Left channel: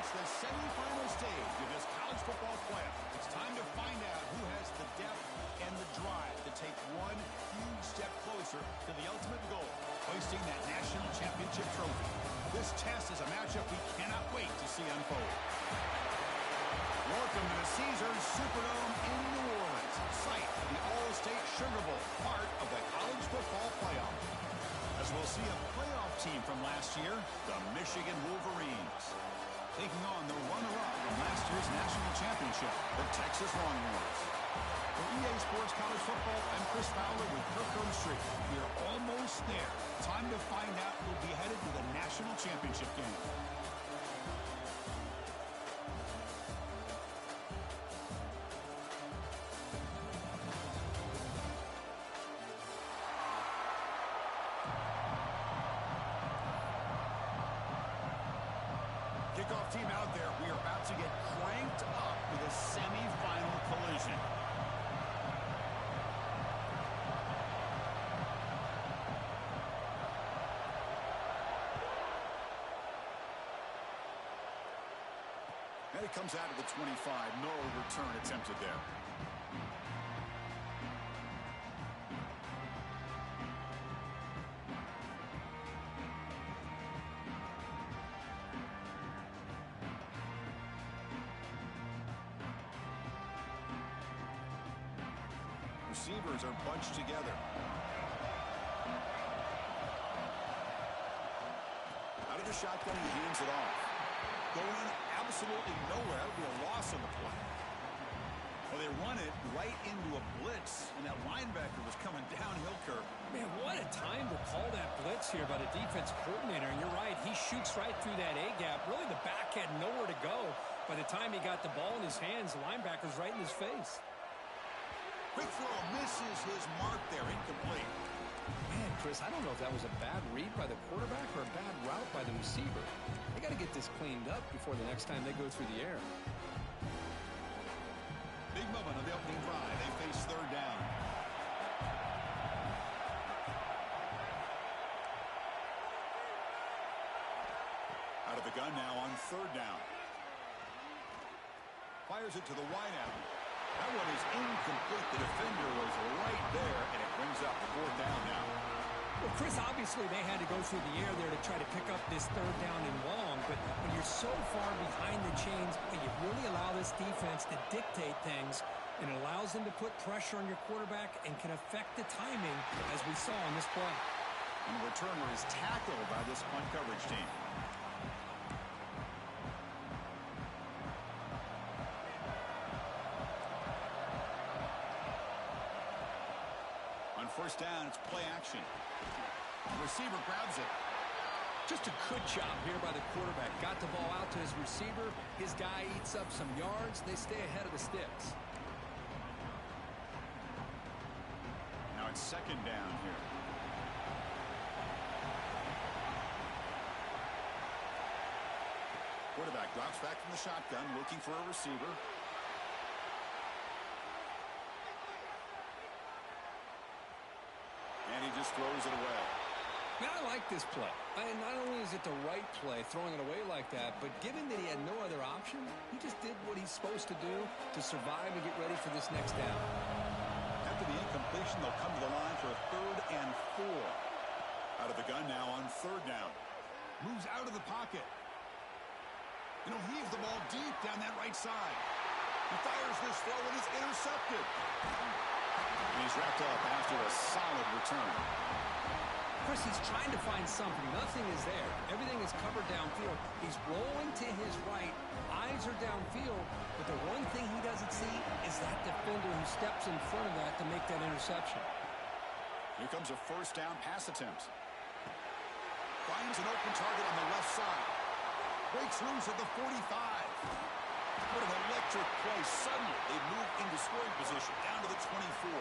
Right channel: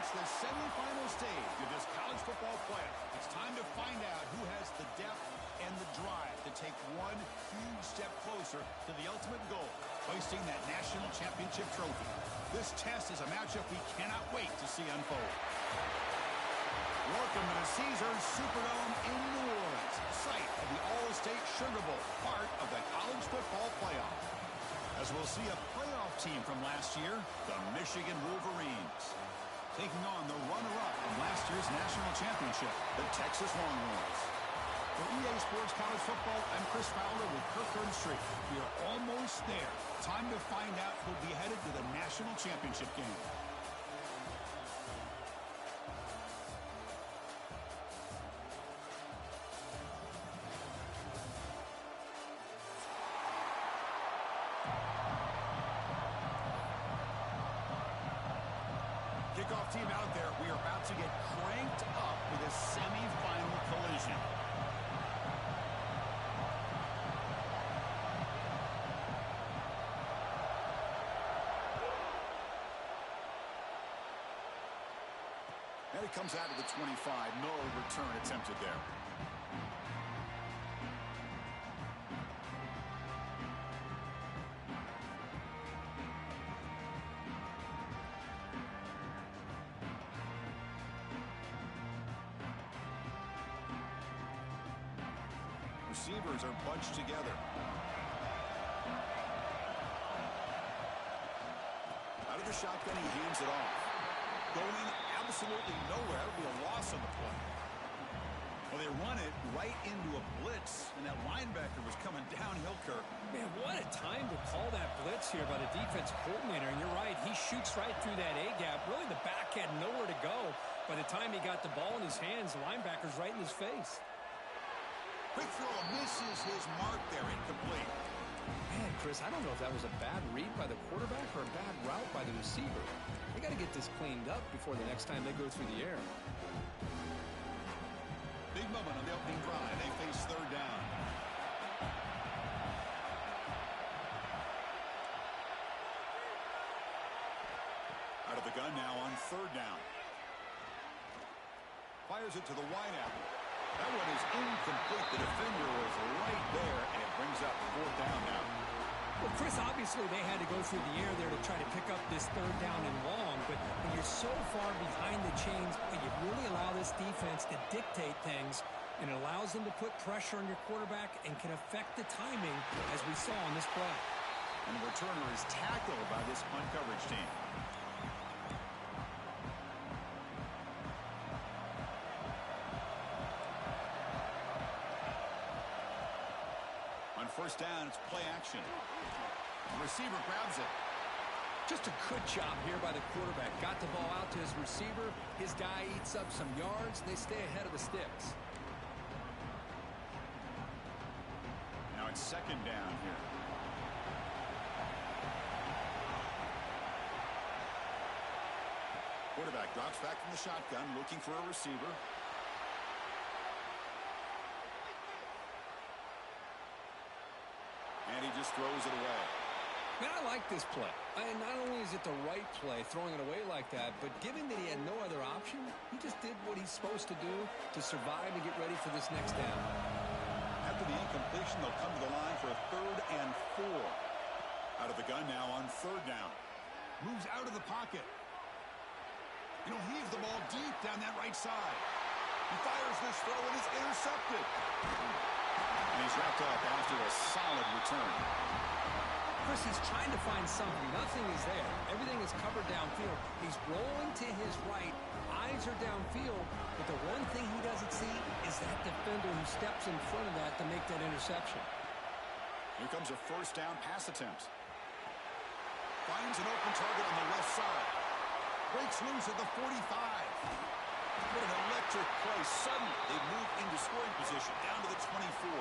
It's the semifinal stage of this college football playoff. It's time to find out who has the depth and the drive to take one huge step closer to the ultimate goal, hoisting that national championship trophy. This test is a matchup we cannot wait to see unfold. Welcome to the Caesars Superdome in New Orleans, site of the All-State Sugar Bowl, part of the college football playoff. As we'll see a playoff team from last year, the Michigan Wolverines, taking on the runner-up from last year's national championship, the Texas Longhorns. For EA Sports College Football, I'm Chris Fowler with Kirk Herbstreit. We are almost there. Time to find out who'll be headed to the national championship game. Kickoff team out there. We are about to get cranked up with a semifinal collision. And it comes out of the 25. No return attempted there. Receivers are bunched together. Out of the shotgun, he hands it off. Going absolutely nowhere. That would be a loss on the play. Well, they run it right into a blitz, and that linebacker was coming downhill, Kirk. Man, what a time to call that blitz here by the defense coordinator. And you're right, he shoots right through that A-gap. Really, the back had nowhere to go. By the time he got the ball in his hands, the linebacker's right in his face. Quick throw misses his mark there, incomplete. Man, Chris, I don't know if that was a bad read by the quarterback or a bad route by the receiver. They got to get this cleaned up before the next time they go through the air. Big moment on the opening drive. They face third down. Out of the gun now on third down. Fires it to the wideout. That one is incomplete. The defender was right there, and it brings up fourth down now. Well, Chris, obviously they had to go through the air there to try to pick up this third down and long, but when you're so far behind the chains, you really allow this defense to dictate things, and it allows them to put pressure on your quarterback and can affect the timing, as we saw on this play. And the returner is tackled by this punt coverage team. On first down, it's play action. The receiver grabs it. Just a good job here by the quarterback. Got the ball out to his receiver. His guy eats up some yards. They stay ahead of the sticks. Now it's second down here. Quarterback drops back from the shotgun, looking for a receiver. And he just throws it away. Man, I like this play. And not only is it the right play, throwing it away like that, but given that he had no other option, he just did what he's supposed to do to survive and get ready for this next down. After the incompletion, they'll come to the line for a 3rd and 4. Out of the gun now on third down. Moves out of the pocket. You know, heaves the ball deep down that right side. He fires this throw and it's intercepted. And he's wrapped up after a solid return. Chris, he's trying to find something. Nothing is there. Everything is covered downfield. He's rolling to his right. Eyes are downfield. But the one thing he doesn't see is that defender who steps in front of that to make that interception. Here comes a first down pass attempt. Finds an open target on the left side. Breaks loose at the 45. What an electric play. Suddenly, they move into scoring position down to the 24.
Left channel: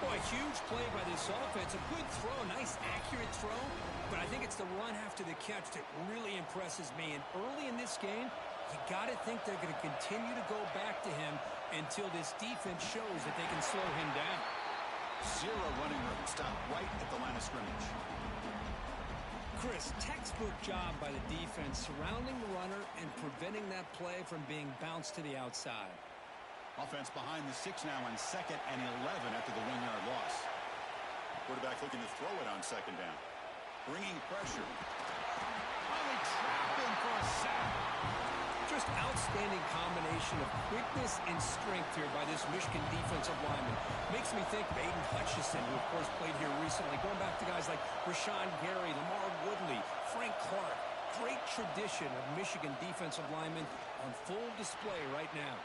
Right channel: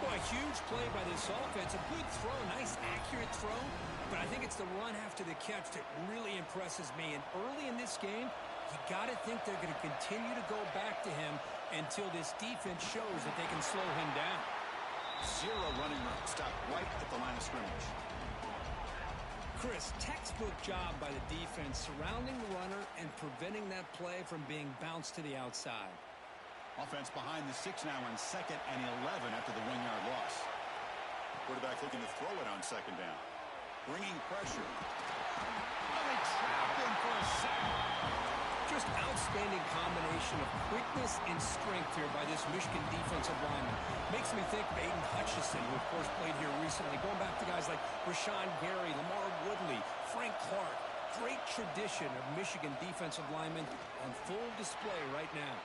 Boy, a huge play by this offense. A good throw, nice accurate throw. But I think it's the run after the catch that really impresses me. And early in this game, you got to think they're going to continue to go back to him until this defense shows that they can slow him down. Zero running room. Stopped right at the line of scrimmage. Chris, textbook job by the defense surrounding the runner and preventing that play from being bounced to the outside. Offense behind the 6 now on 2nd and 11 after the 1-yard loss. Quarterback looking to throw it on 2nd down. Bringing pressure. Oh, they trap him for a sack. Just outstanding combination of quickness and strength here by this Michigan defensive lineman. Makes me think of Aiden Hutchinson, who, of course, played here recently. Going back to guys like Rashawn Gary, Lamar Woodley, Frank Clark. Great tradition of Michigan defensive linemen on full display right now.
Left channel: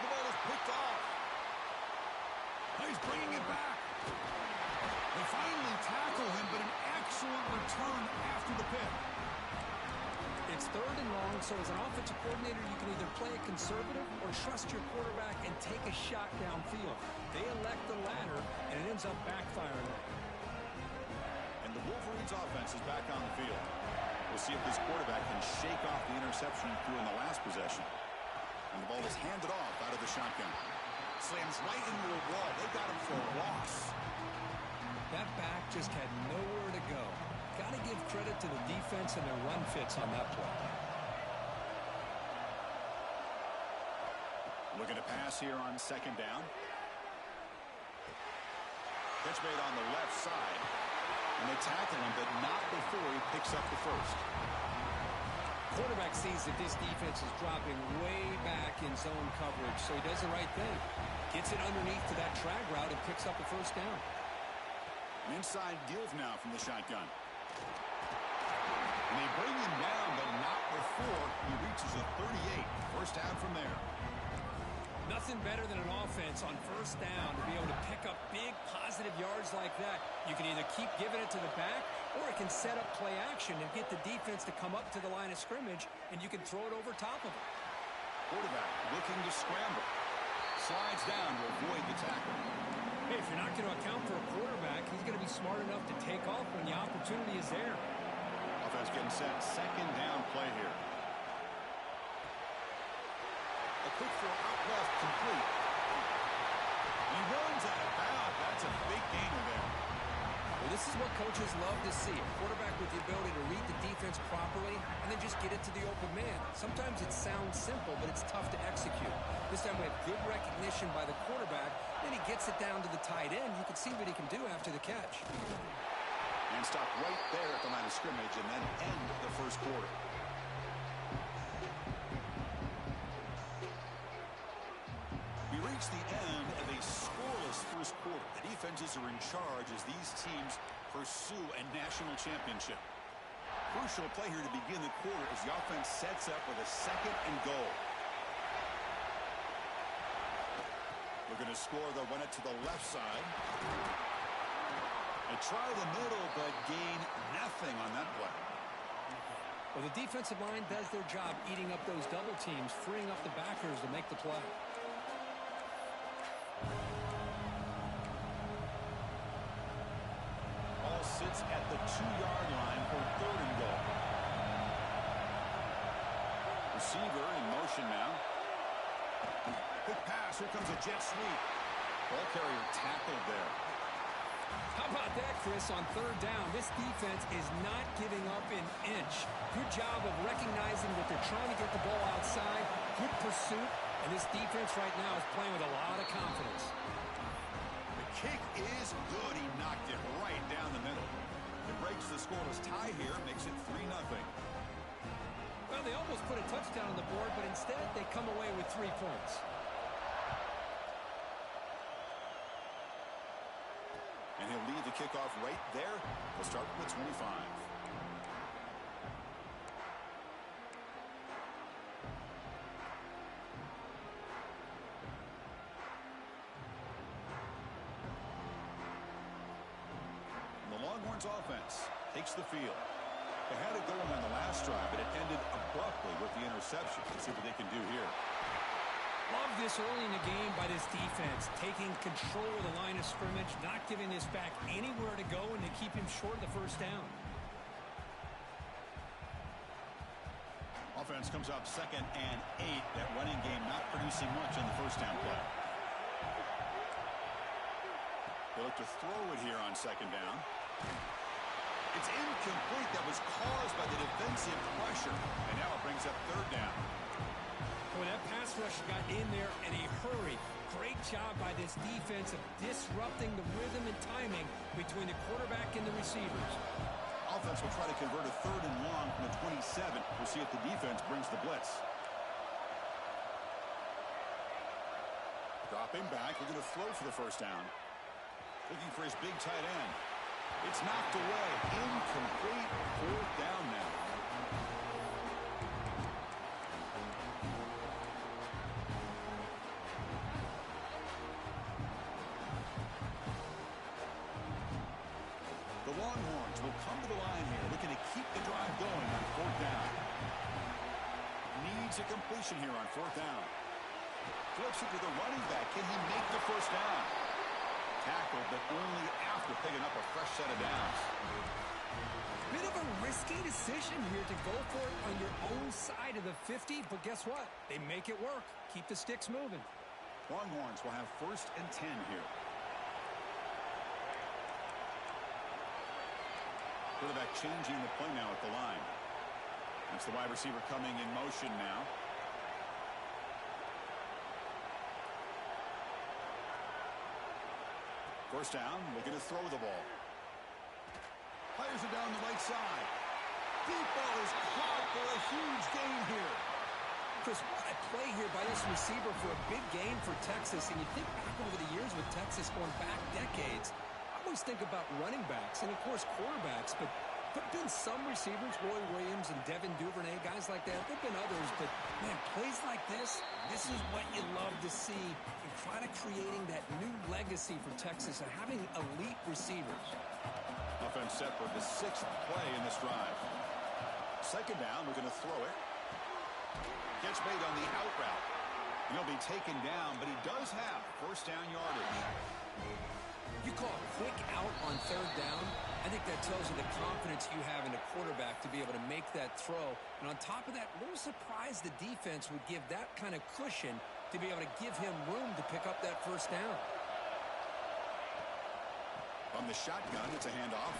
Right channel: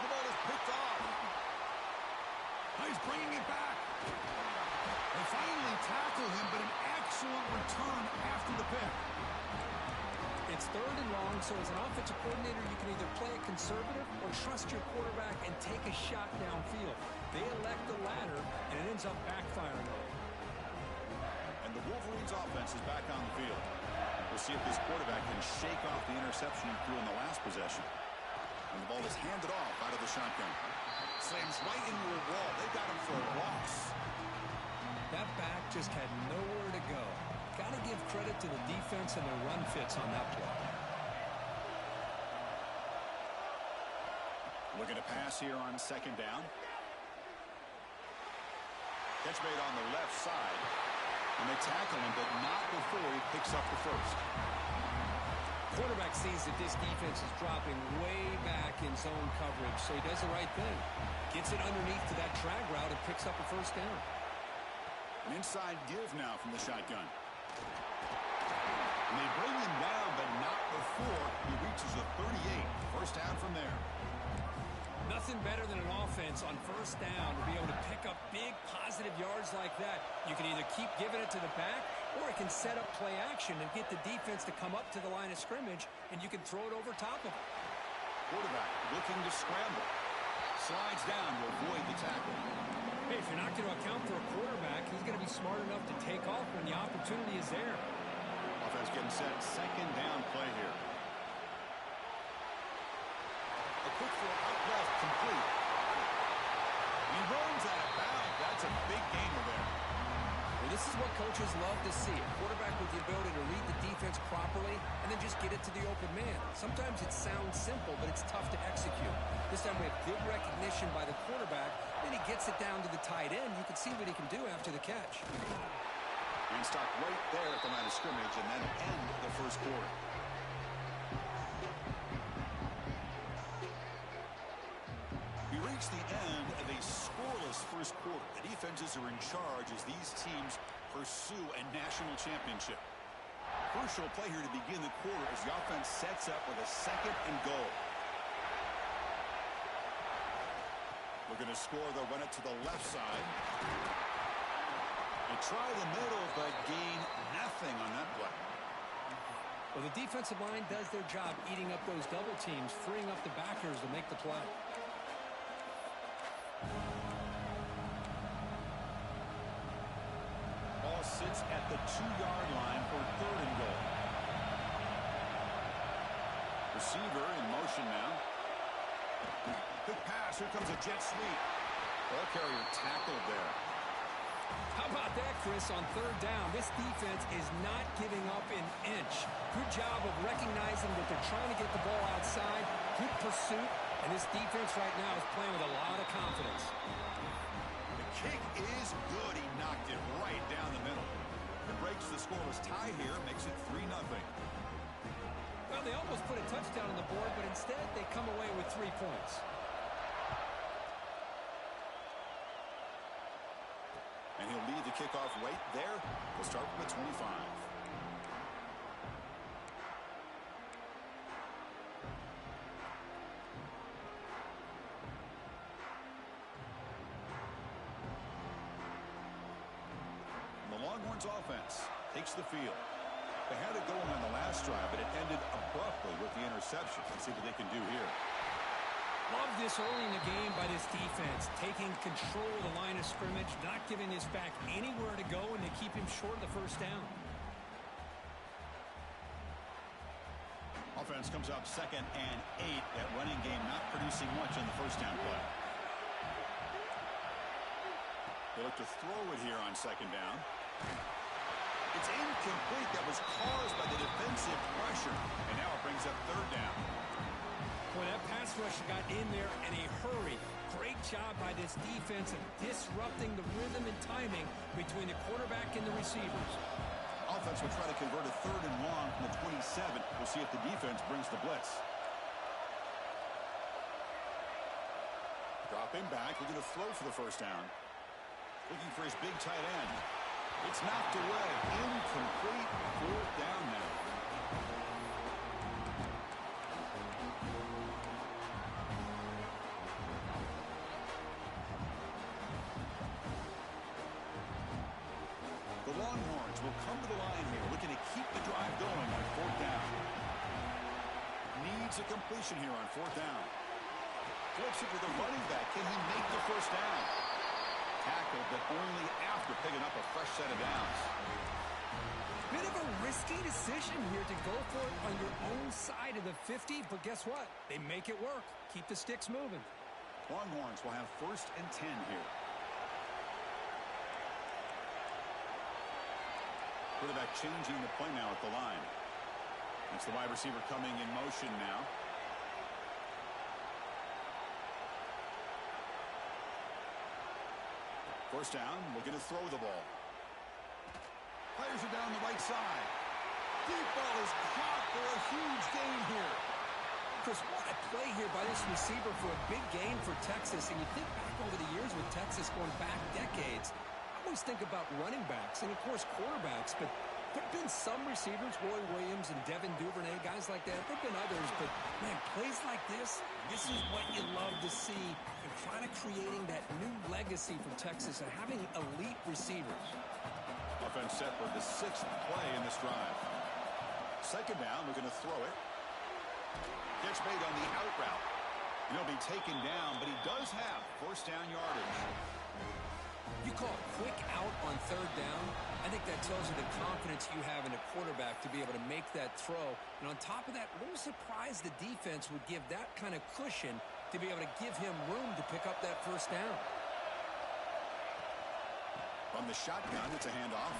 The ball is picked off. Oh, he's bringing it back. They finally tackle him, but an excellent return after the pick. It's 3rd and long, so as an offensive coordinator, you can either play it conservative or trust your quarterback and take a shot downfield. They elect the latter, and it ends up backfiring on them. And the Wolverines' offense is back on the field. We'll see if this quarterback can shake off the interception he threw in the last possession. And the ball is handed off out of the shotgun. Slams right into a wall. They got him for a loss. That back just had nowhere to go. Got to give credit to the defense and their run fits on that play. Looking to pass here on 2nd down. Catch made on the left side. And they tackle him, but not before he picks up the first. Quarterback sees that this defense is dropping way back in zone coverage, so he does the right thing. Gets it underneath to that drag route and picks up a first down. An inside give now from the shotgun. And they bring him down, but not before he reaches a 38. First down from there. Nothing better than an offense on first down to be able to pick up big positive yards like that. You can either keep giving it to the back, or it can set up play action and get the defense to come up to the line of scrimmage, and you can throw it over top of it. Quarterback looking to scramble. Slides down to avoid the tackle. Hey, if you're not going to account for a quarterback, he's going to be smart enough to take off when the opportunity is there. Offense getting set. 2nd down play here. A quick throw out left, complete. And he runs out of bounds. That's a big gainer there. Well, this is what coaches love to see. A quarterback with the ability to read the defense properly and then just get it to the open man. Sometimes it sounds simple, but it's tough to execute. This time we have good recognition by the quarterback. Then he gets it down to the tight end. You can see what he can do after the catch. And stop right there at the line of scrimmage and then end the first quarter. We reach the end of a scoreless first quarter. The defenses are in charge as these teams pursue a national championship. Crucial play here to begin the quarter as the offense sets up with a 2nd and goal. Looking to score, they'll run it to the left side. They try the middle, but gain nothing on that play. Well, the defensive line does their job eating up those double teams, freeing up the backers to make the play. Ball sits at the 2-yard line for 3rd and goal. Receiver in motion now. Quick pass. Here comes a jet sweep. Ball carrier tackled there. How about that, Chris, on 3rd down? This defense is not giving up an inch. Good job of recognizing that they're trying to get the ball outside. Good pursuit. And this defense right now is playing with a lot of confidence. The kick is good. He knocked it right down the middle. It breaks the scoreless tie here, makes it 3-0. Well, they almost put a touchdown on the board, but instead they come away with 3 points. And he'll lead the kickoff right there. We'll start from the 25. And the Longhorns offense takes the field. They had it going on the last drive, but it ended abruptly with the interception. Let's see what they can do here. Love this early in the game by this defense, taking control of the line of scrimmage, not giving this back anywhere to go, and to keep him short of the first down. Offense comes up 2nd and 8. That running game not producing much on the first down play. They look to throw it here on 2nd down. It's incomplete. That was caused by the defensive pressure. And now it brings up third down. Boy, that pass rush got in there in a hurry. Great job by this defense of disrupting the rhythm and timing between the quarterback and the receivers. Offense will try to convert a third and long from the 27. We'll see if the defense brings the blitz. Dropping back, looking to throw for the first down. Looking for his big tight end. It's knocked away. Incomplete. Fourth down now. The Longhorns will come to the line here, looking to keep the drive going on fourth down. Needs a completion here on fourth down. Flips it to the running back. Can he make the first down? Tackled, but only after picking up a fresh set of downs. Bit of a risky decision here to go for it on your own side of the 50, but guess what? They make it work. Keep the sticks moving. Longhorns will have first and 10 here. Quarterback changing the play now at the line. That's the wide receiver coming in motion now. First down, looking to throw the ball. Fires it down the right side. Deep ball is caught for a huge gain here. Chris, what a play here by this receiver for a big gain for Texas. And you think back over the years with Texas going back decades, I always think about running backs and, of course, quarterbacks. But there have been some receivers, Roy Williams and Devin Duvernay, guys like that. There have been others. But, man, plays like this is what you love to see in trying to creating that new legacy for Texas and having elite receivers. Offense set for the sixth play in this drive. Second down, we're going to throw it. Gets made on the out route. And he'll be taken down, but he does have first down yardage. You call a quick out on third down. I think that tells you the confidence you have in a quarterback to be able to make that throw. And on top of that, a little surprised the defense would give that kind of cushion to be able to give him room to pick up that first down. From the shotgun, it's a handoff.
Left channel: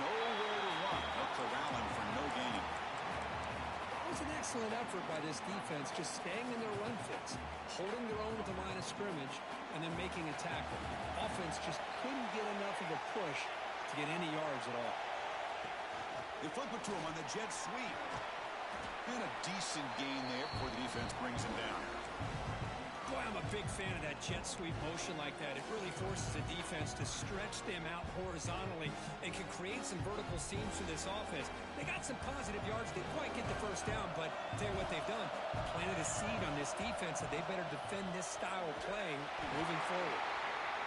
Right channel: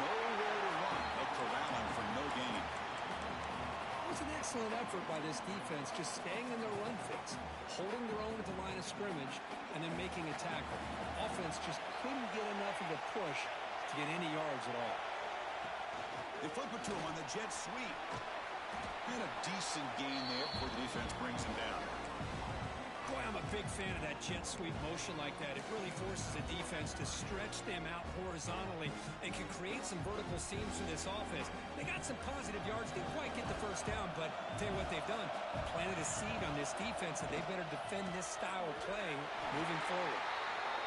Nowhere to run. They'll corral him for no gain. It was an excellent effort by this defense, just staying in their run fits, holding their own at the line of scrimmage, and then making a tackle. Offense just couldn't get enough of a push to get any yards at all. They flip it to him on the jet sweep. And a decent gain there before the defense brings him down. Boy, I'm a big fan of that jet sweep motion like that. It really forces the defense to stretch them out horizontally and can create some vertical seams for this offense. They got some positive yards. Didn't quite get the first down, but I'll tell you what they've done. Planted a seed on this defense that they better defend this style of play moving forward.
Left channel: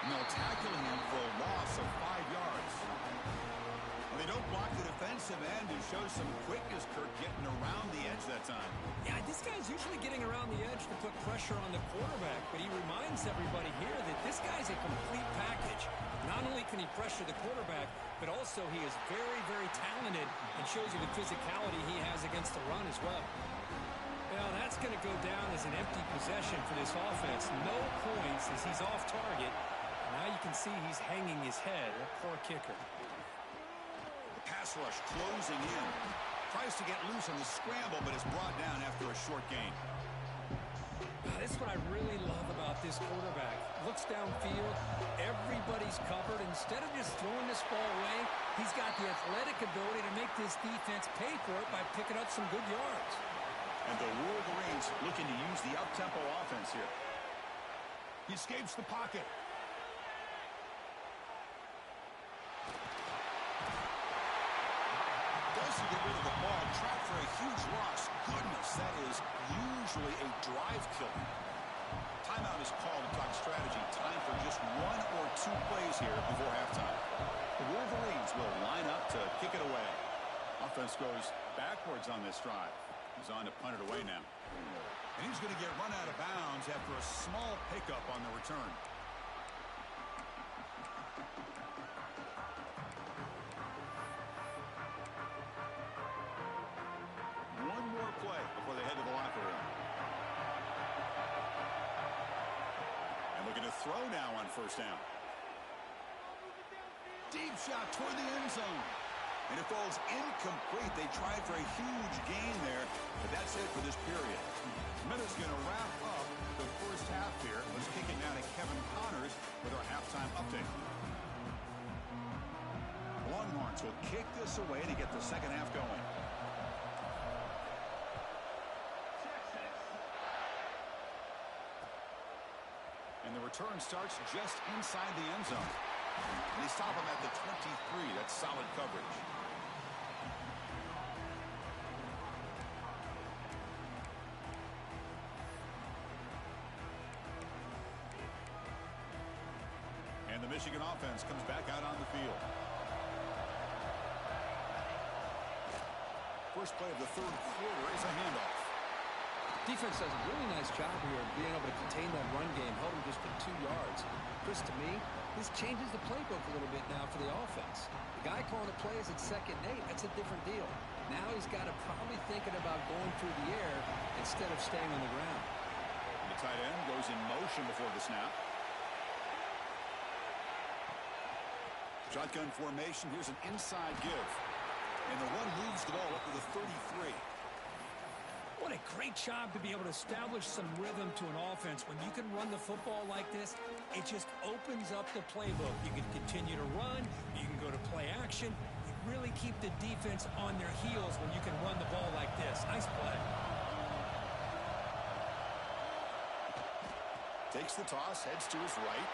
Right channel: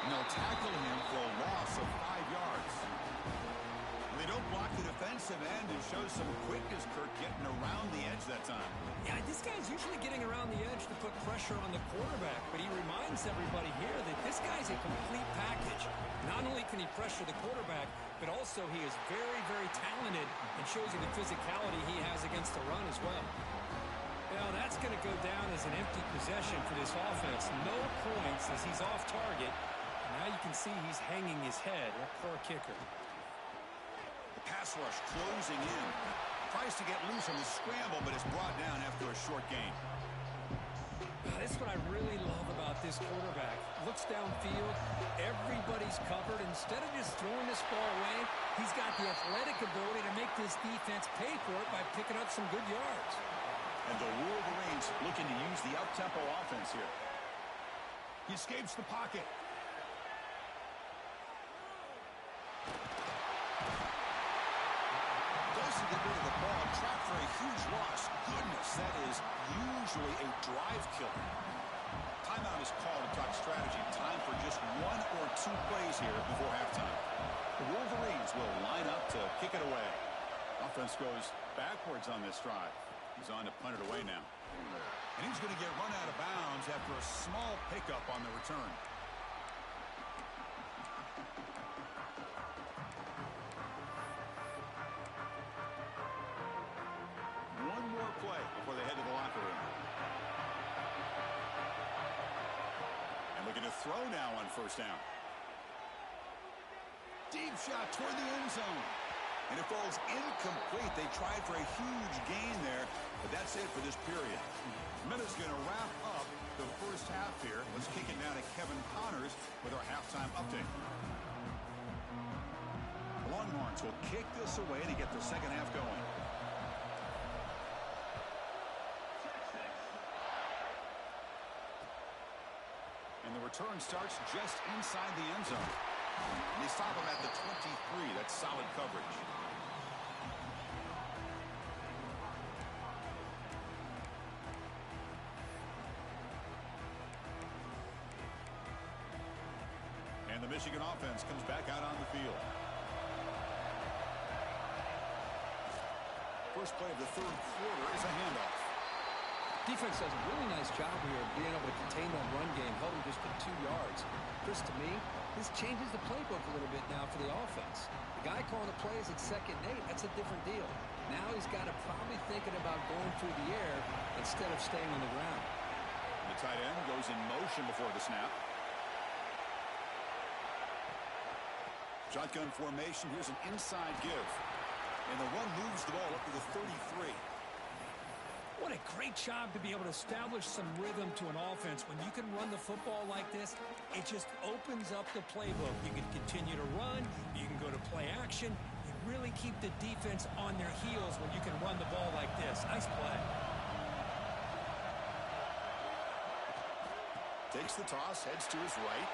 And they'll tackle him for a loss of 5 yards. Well, they don't block the defensive end and show some quickness, Kirk, getting around the edge that time. Yeah, this guy's usually getting around the edge to put pressure on the quarterback, but he reminds everybody here that this guy's a complete package. Not only can he pressure the quarterback, but also he is very, very talented and shows you the physicality he has against the run as well. Well, that's going to go down as an empty possession for this offense. No points as he's off target. Now you can see he's hanging his head. That poor kicker. The pass rush closing in. Tries to get loose on the scramble, but is brought down after a short gain. This is what I really love about this quarterback. Looks downfield. Everybody's covered. Instead of just throwing this ball away, he's got the athletic ability to make this defense pay for it by picking up some good yards. And the Wolverines looking to use the up-tempo offense here. He escapes the pocket. Doesn't get rid of the ball. Trapped for a huge loss. Goodness, that is usually a drive killer. Timeout is called to talk strategy. Time for just 1 or 2 plays here before halftime. The Wolverines will line up to kick it away. Offense goes backwards on this drive. He's on to punt it away now. And he's going to get run out of bounds after a small pickup on the return. One more play before they head to the locker room. And looking to throw now on first down. Deep shot toward the end zone. And it falls incomplete. They tried for a huge gain there, but that's it for this period. Minutes going to wrap up the first half here. Let's kick it now to Kevin Connors with our halftime update. The Longhorns will kick this away to get the second half going. And the return starts just inside the end zone. And they stop him at the 23. That's solid coverage. And the Michigan offense comes back out on the field. First play of the third quarter is a handoff. Defense does a really nice job here of being able to contain that run game, held him just to 2 yards. Chris, to me, this changes the playbook a little bit now for the offense. The guy calling the plays at 2nd and 8, that's a different deal. Now he's got to probably thinking about going through the air instead of staying on the ground. The tight end goes in motion before the snap. Shotgun formation. Here's an inside give. And the run moves the ball up to the 33. What a great job to be able to establish some rhythm to an offense. When you can run the football like this, it just opens up the playbook. You can continue to run. You can go to play action. You really keep the defense on their heels when you can run the ball like this. Nice play. Takes the toss, heads to his right.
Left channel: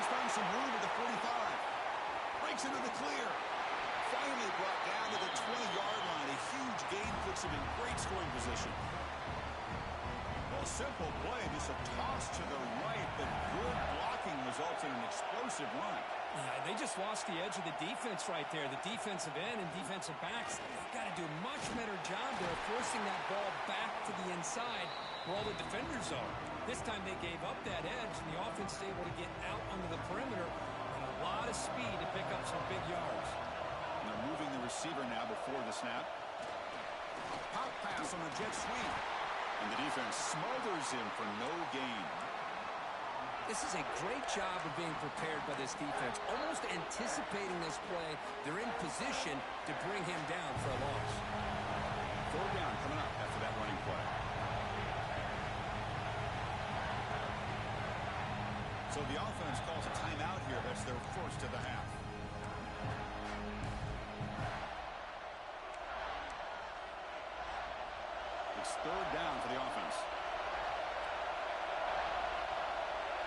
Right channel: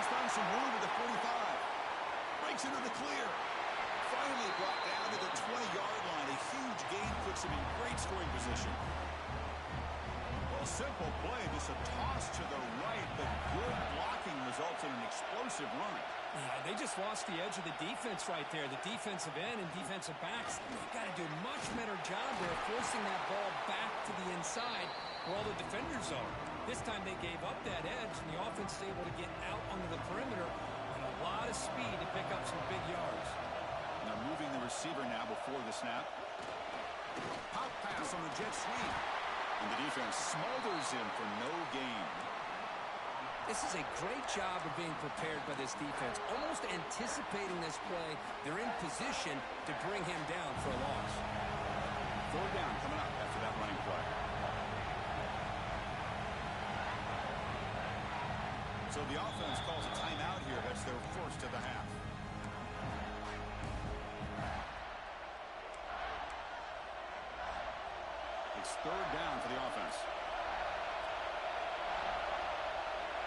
He's found some room at the 45. Breaks into the clear. Finally brought down to the 20-yard line. A huge gain puts him in great scoring position. Well, simple play. Just a toss to the right, but good blocking results in an explosive run. Yeah, they just lost the edge of the defense right there. The defensive end and defensive backs, they've got to do a much better job there forcing that ball back to the inside where all the defenders are. This time they gave up that edge, and the offense is able to get out onto the perimeter and a lot of speed to pick up some big yards. And they're moving the receiver now before the snap. Pop pass on the jet sweep. And the defense smothers him for no gain. This is a great job of being prepared by this defense. Almost anticipating this play, they're in position to bring him down for a loss. 4th down coming up after that running play. So the offense calls a timeout here. That's their first of the half. It's 3rd down for the offense.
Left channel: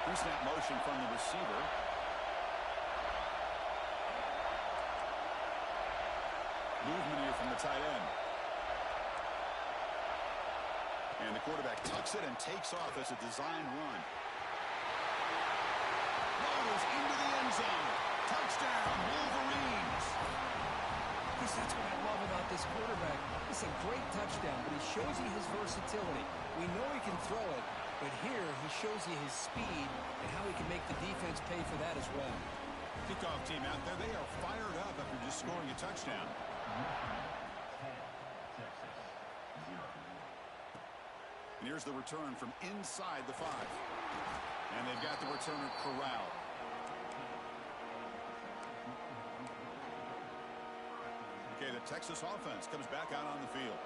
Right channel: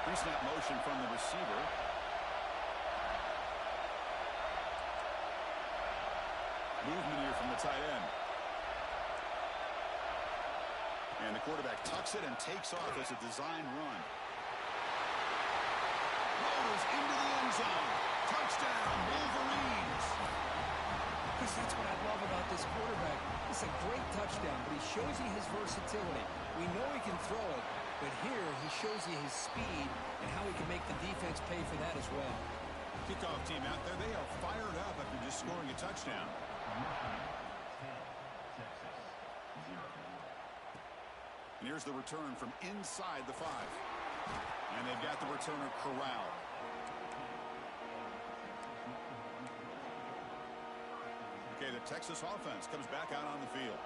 Pre-snap motion from the receiver. Movement here from the tight end. And the quarterback tucks it and takes off as a design run. Motors into the end zone. Touchdown, Wolverines. Chris, that's what I love about this quarterback. It's a great touchdown, but he shows you his versatility. We know he can throw it, but here he shows you his speed and how he can make the defense pay for that as well. Kickoff team out there, they are fired up after just scoring a touchdown. 10, Texas, 0. And here's the return from inside the 5. And they've got the returner corralled. Okay, the Texas offense comes back out on the field.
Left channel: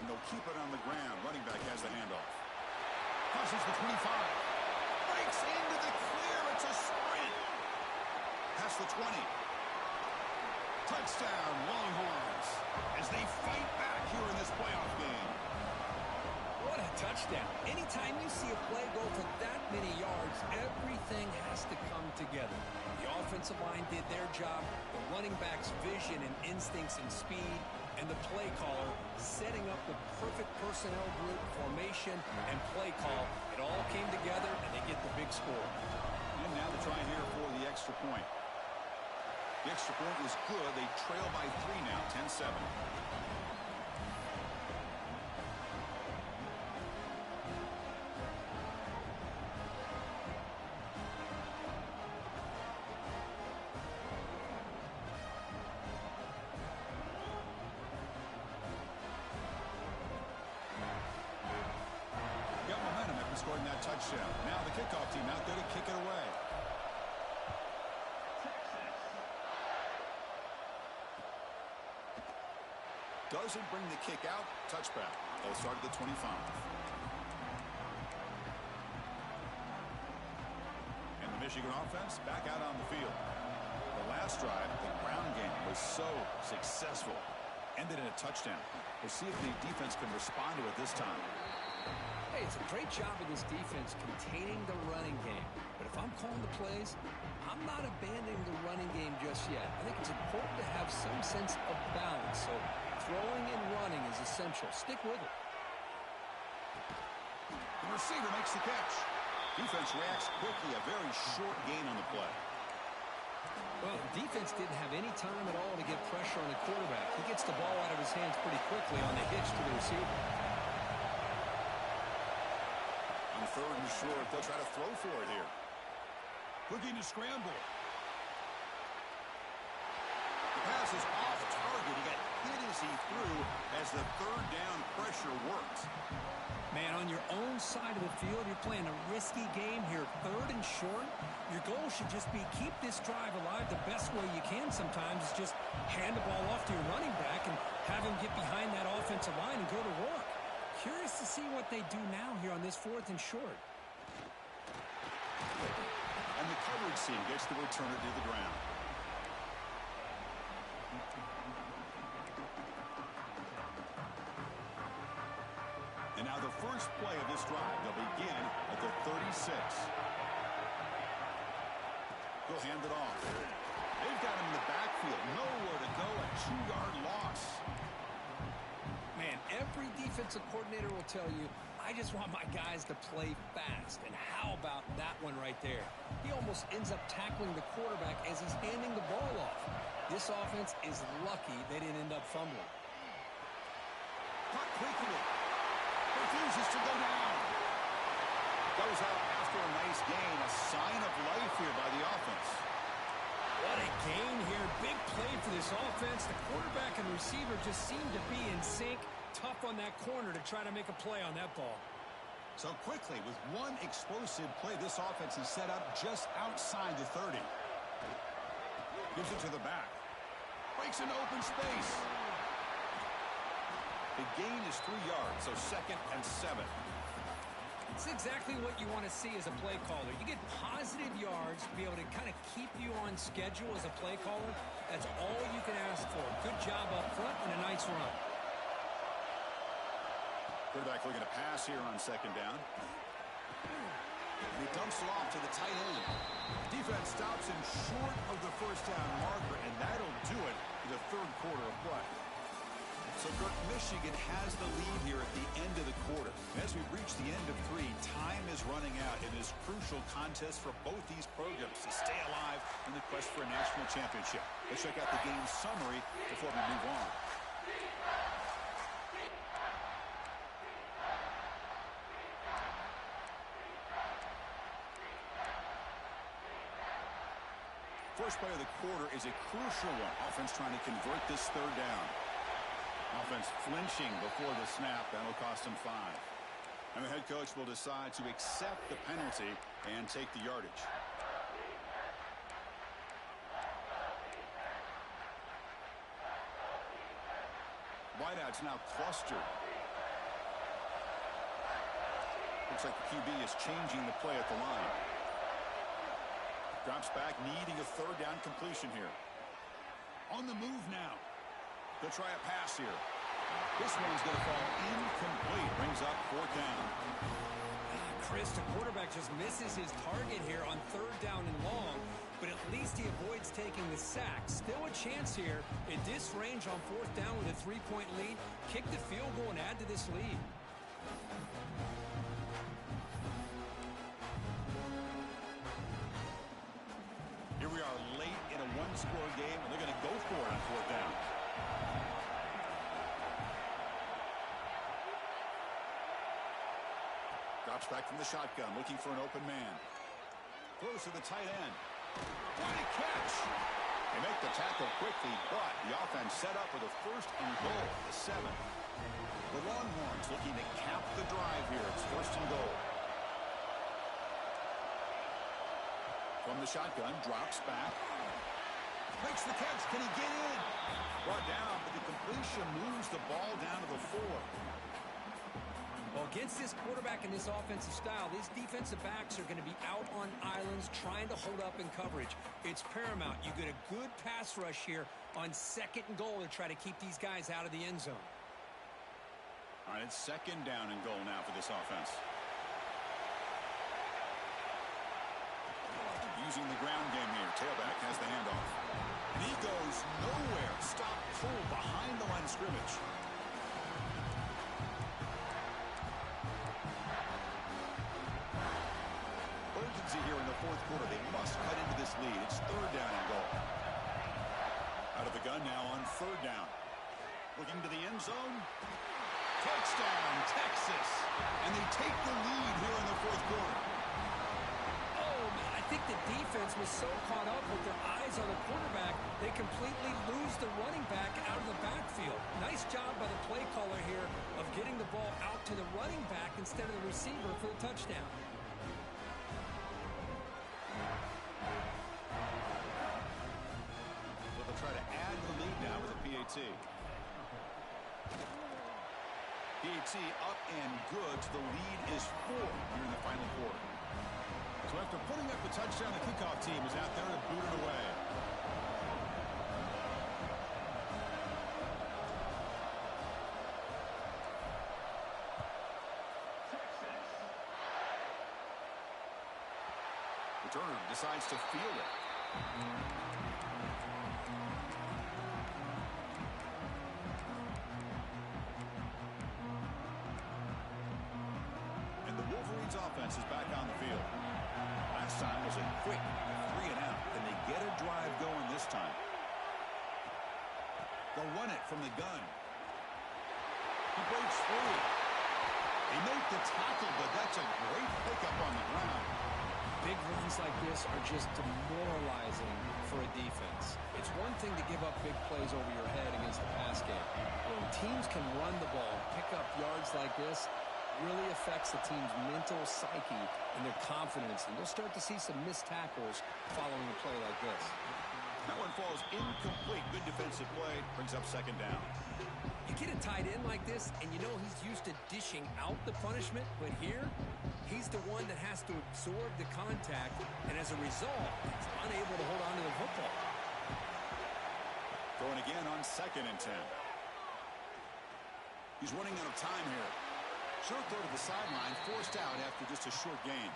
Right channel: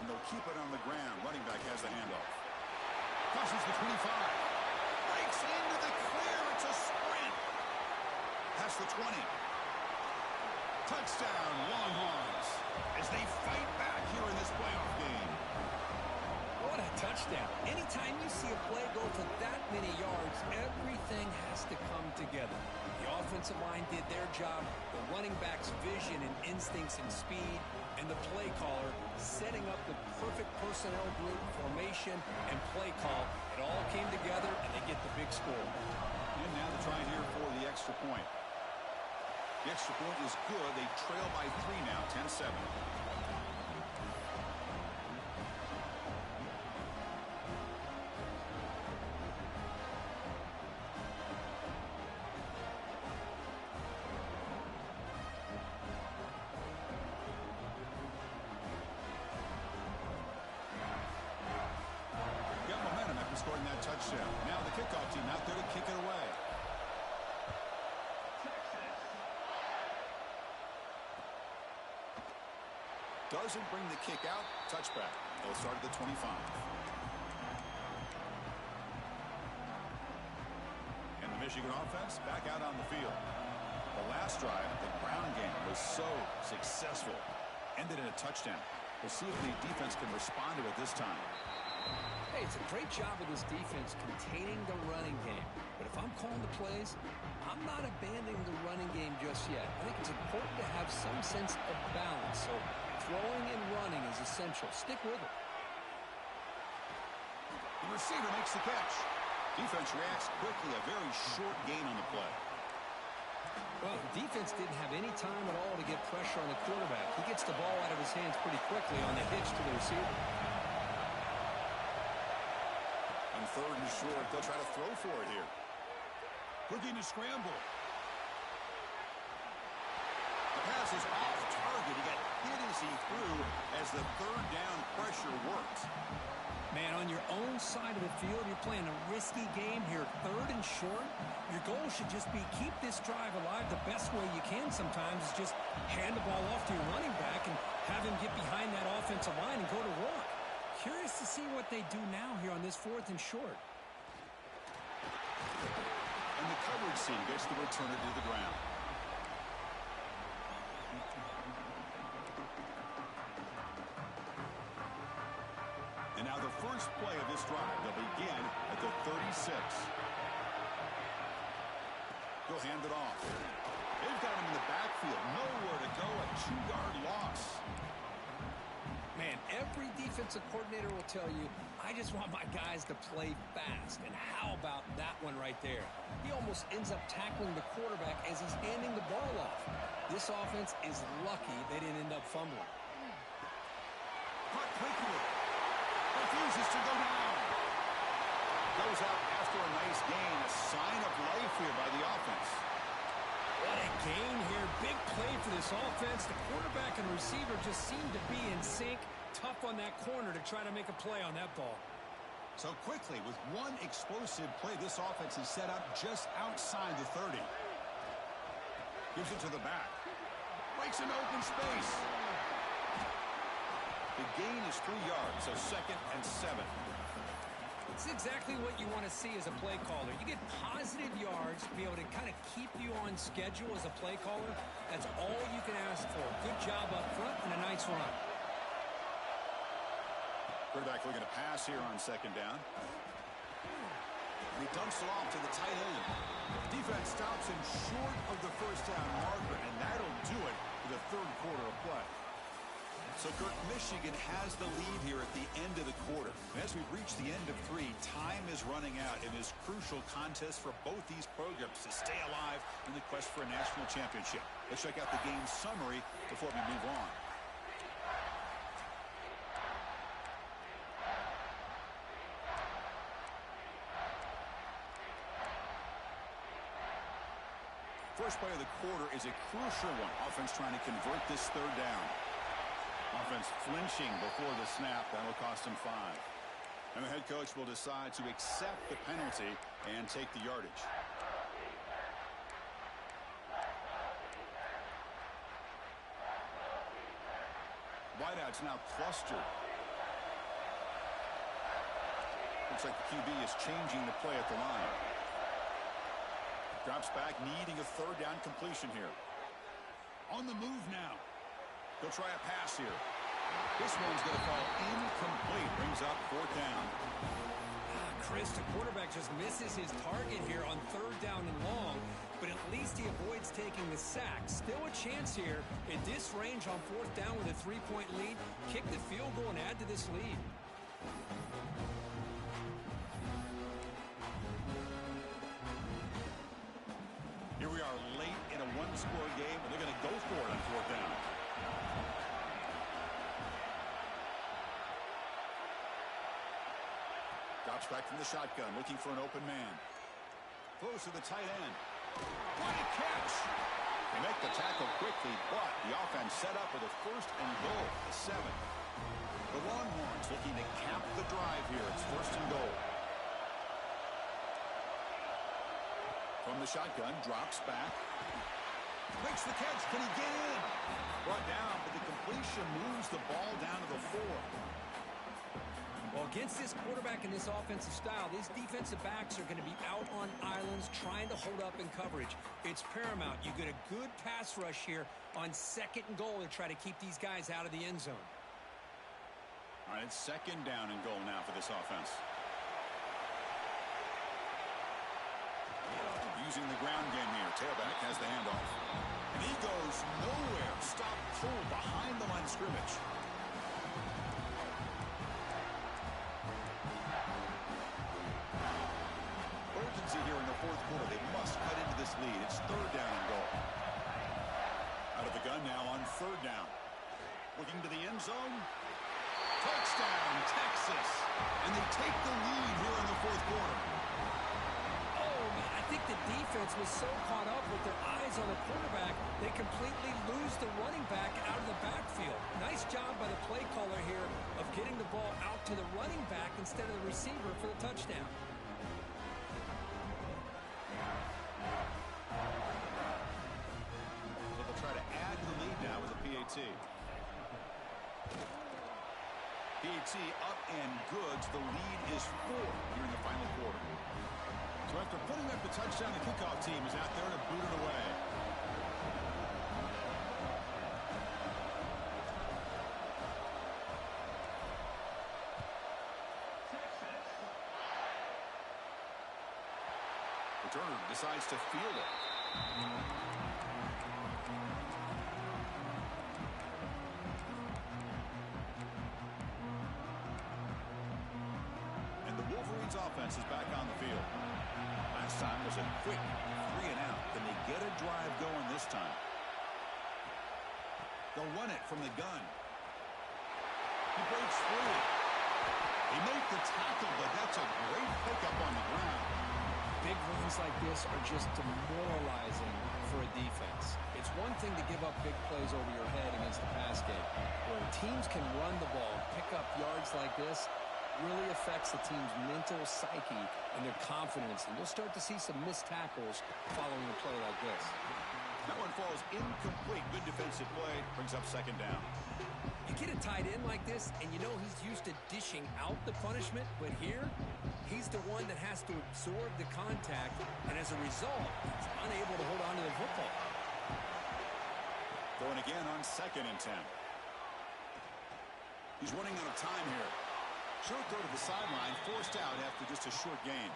And they'll keep it on the ground. Running back has the handoff. Crosses the 25. Breaks into the clear. It's a sprint. Past the 20. Touchdown, Longhorns, as they fight back here in this playoff game. What a touchdown. Anytime you see a play go for that many yards, everything has to come together. The offensive line did their job, the running back's vision and instincts and speed, and the play caller setting up the perfect personnel group, formation, and play call. It all came together, and they get the big score. And now the try here for the extra point. The extra point is good. They trail by 3 now, 10-7. Got momentum after scoring that touchdown. Now the kickoff team out there to kick it away. Doesn't bring the kick out. Touchback. They'll start at the 25. And the Michigan offense back out on the field. The last drive, the ground game, was so successful. Ended in a touchdown. We'll see if the defense can respond to it this time. Hey, it's a great job of this defense containing the running game. But if I'm calling the plays, I'm not abandoning the running game just yet. I think it's important to have some sense of balance. So throwing and running is essential. Stick with it. The receiver makes the catch. Defense reacts quickly. A very short gain on the play. Well, defense didn't have any time at all to get pressure on the quarterback. He gets the ball out of his hands pretty quickly on the hitch to the receiver. On third and short, they'll try to throw for it here. Looking to scramble. The pass is off target. He got hit as he threw as the third down pressure worked. Man, on your own side of the field, you're playing a risky game here. Third and short, your goal should just be keep this drive alive the best way you can sometimes is just hand the ball off to your running back and have him get behind that offensive line and go to work. Curious to see what they do now here on this fourth and short. And the coverage team gets the returner to the ground. And now the first play of this drive, they'll begin at the 36. He'll hand it off. They've got him in the backfield. Nowhere to go. A 2-yard loss. Man, every defensive coordinator will tell you, I just want my guys to play fast. And how about that one right there? He almost ends up tackling the quarterback as he's handing the ball off. This offense is lucky they didn't end up fumbling. Caught quickly. Refuses to go down. Goes out after a nice gain. A sign of life here by the offense. What a gain here. Big play for this offense. The quarterback and receiver just seem to be in sync. Tough on that corner to try to make a play on that ball. So quickly, with one explosive play, this offense is set up just outside the 30. Gives it to the back. Breaks into open space. The gain is 3 yards, so 2nd and 7. It's exactly what you want to see as a play caller. You get positive yards to be able to kind of keep you on schedule as a play caller. That's all you can ask for. Good job up front and a nice run. Quarterback looking to pass here on 2nd down. And he dumps it off to the tight end. Defense stops him short of the first down marker, and that'll do it for the third quarter of play. So, Kirk, Michigan has the lead here at the end of the quarter. And as we reach the end of 3, time is running out in this crucial contest for both these programs to stay alive in the quest for a national championship. Let's check out the game summary before we move on. First play of the quarter is a crucial one. Offense trying to convert this third down. Offense flinching before the snap. That'll cost him 5. And the head coach will decide to accept the penalty and take the yardage. Wideouts now clustered. Looks like the QB is changing the play at the line. Drops back, needing a third down completion here. On the move now. He'll try a pass here. This one's going to fall incomplete. Brings up 4th down. Chris, the quarterback just misses his target here on 3rd down and long, but at least he avoids taking the sack. Still a chance here in this range on 4th down with a 3-point lead. Kick the field goal and add to this lead. Here we are late in a one-score game, and they're going to go for it on 4th down. Drops back from the shotgun, looking for an open man. Throws to the tight end. What a catch! They make the tackle quickly, but the offense set up with a 1st and goal, the 7. The Longhorns looking to cap the drive here. It's 1st and goal. From the shotgun, drops back. Makes the catch. Can he get in? Brought down, but the completion moves the ball down to the 4. Well, against this quarterback and this offensive style, these defensive backs are going to be out on islands trying to hold up in coverage. It's paramount. You get a good pass rush here on 2nd and goal to try to keep these guys out of the end zone. All right, it's 2nd down and goal now for this offense. Using the ground game here. Tailback has the handoff. And he goes nowhere. Stop pull behind the line of scrimmage. Urgency here in the 4th quarter. They must cut into this lead. It's 3rd down and goal. Out of the gun now on 3rd down. Looking to the end zone. Touchdown, Texas. And they take the lead here in the 4th quarter. I think the defense was so caught up with their eyes on the quarterback, they completely lose the running back out of the backfield. Nice job by the play caller here of getting the ball out to the running back instead of the receiver for the touchdown. So they'll try to add to the lead now with a PAT. PAT up and good. So the lead is 4 here in the final quarter. So after putting up the touchdown, the kickoff team is out there to boot it away. Returner decides to field it. And the Wolverines offense is back on the field. Last time was a quick 3 and out. Can they get a drive going this time? They'll run it from the gun. He breaks free. They make the tackle, but that's a great pickup on the ground. Big runs like this are just demoralizing for a defense. It's one thing to give up big plays over your head against the pass game. When teams can run the ball and pick up yards like this, really affects the team's mental psyche and their confidence. And you'll start to see some missed tackles following a play like this. That one falls incomplete. Good defensive play. Brings up 2nd down. You get a tight end like this, and you know he's used to dishing out the punishment. But here, he's the one that has to absorb the contact. And as a result, he's unable to hold on to the football. Going again on 2nd and 10. He's running out of time here. Short throw to the sideline, forced out after just a short gain.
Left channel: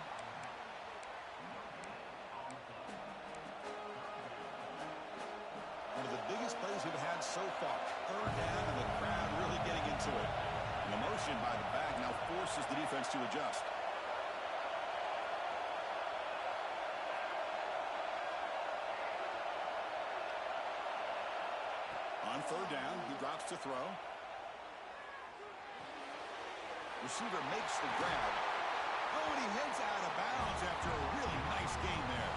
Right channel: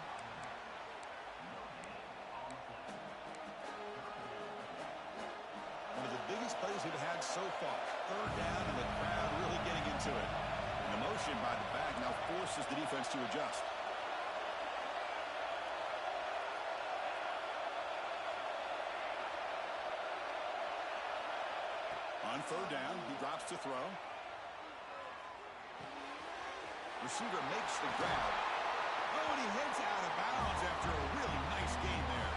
One of the biggest plays we've had so far. 3rd down, and the crowd really getting into it. And the motion by the back now forces the defense to adjust. On 3rd down, he drops to throw. Receiver makes the grab. Oh, and he heads out of bounds after a really nice gain there.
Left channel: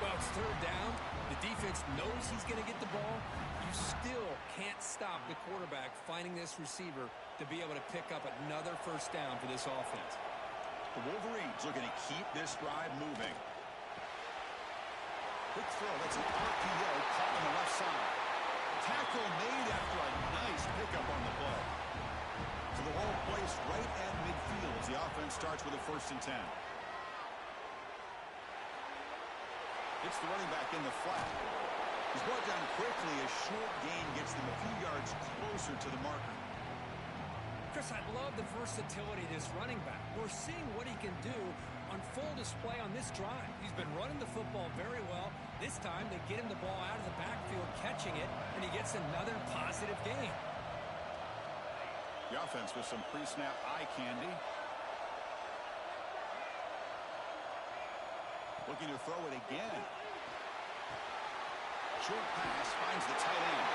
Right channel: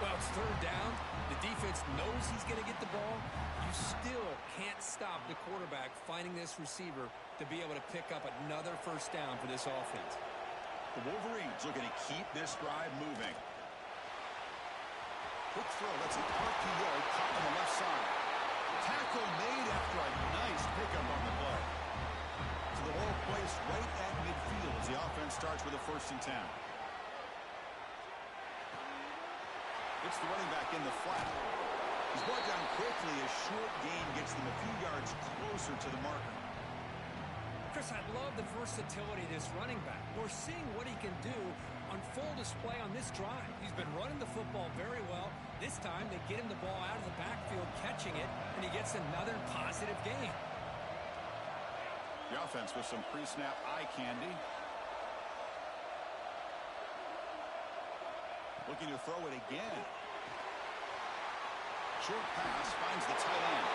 Well, it's 3rd down. The defense knows he's going to get the ball. You still can't stop the quarterback finding this receiver to be able to pick up another 1st down for this offense. The Wolverines looking to keep this drive moving. Quick throw. That's an RPO caught on the left side. Tackle made after a nice pickup on the play. So the ball placed right at midfield as the offense starts with a 1st and 10. It's the running back in the flat. He's brought down quickly. A short gain gets them a few yards closer to the marker. Chris, I love the versatility of this running back. We're seeing what he can do on full display on this drive. He's been running the football very well. This time they get him the ball out of the backfield, catching it, and he gets another positive gain. The offense with some pre-snap eye candy. Looking to throw it again. Short pass finds the tight end.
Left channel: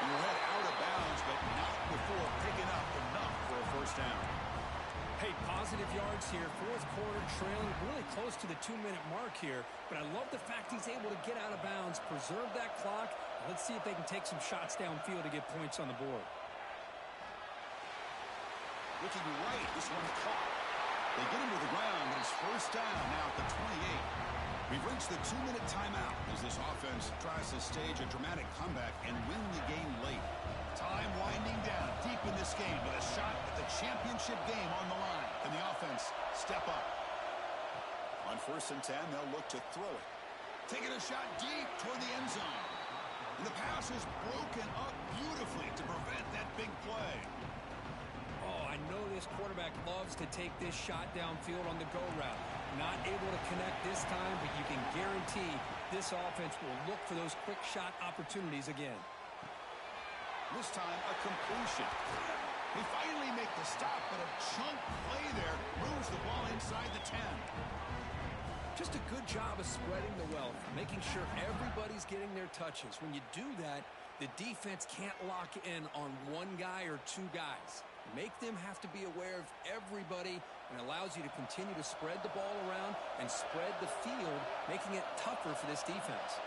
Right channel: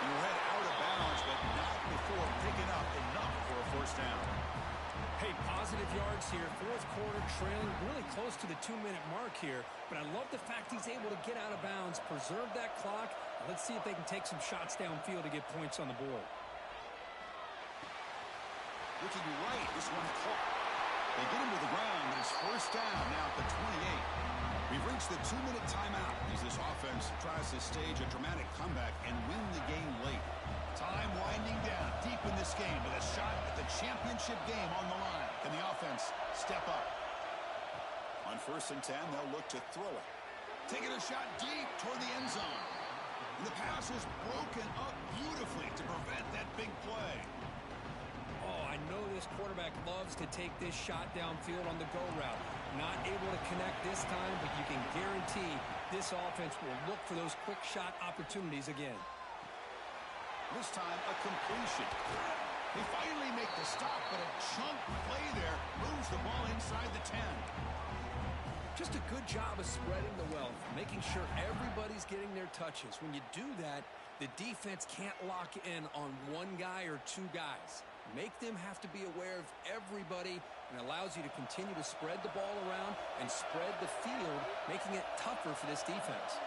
And we're head out of bounds, but not before picking up enough for a 1st down. Hey, positive yards here. 4th quarter trailing really close to the 2-minute mark here. But I love the fact he's able to get out of bounds, preserve that clock. Let's see if they can take some shots downfield to get points on the board. Looking right, this one caught. They get him to the ground, but it's 1st down now at the 28. We've reached the 2-minute timeout as this offense tries to stage a dramatic comeback and win the game late. Time winding down deep in this game with a shot at the championship game on the line. Can the offense step up? On 1st and 10, they'll look to throw it. Taking a shot deep toward the end zone. And the pass is broken up beautifully to prevent that big play. Oh, I know this quarterback loves to take this shot downfield on the go route. Not able to connect this time, but you can guarantee this offense will look for those quick shot opportunities again. This time, a completion. They finally make the stop, but a chunk play there moves the ball inside the 10. Just a good job of spreading the wealth, making sure everybody's getting their touches. When you do that, the defense can't lock in on one guy or two guys. Make them have to be aware of everybody, and allows you to continue to spread the ball around and spread the field, making it tougher for this defense.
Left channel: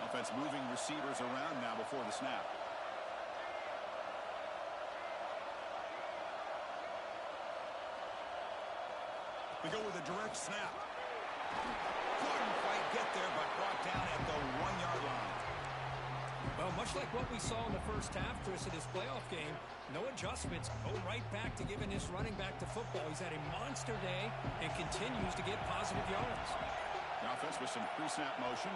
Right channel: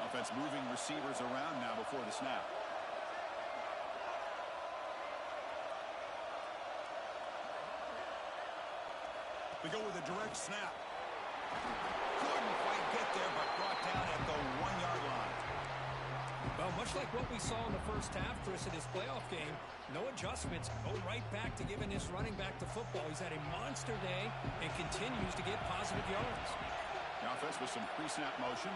Offense moving receivers around now before the snap. We go with a direct snap. Couldn't quite get there, but brought down at the 1-yard line. Well, much like what we saw in the first half, Chris, in this playoff game, no adjustments. Go right back to giving this running back to football. He's had a monster day and continues to get positive yards. The offense with some pre-snap motion.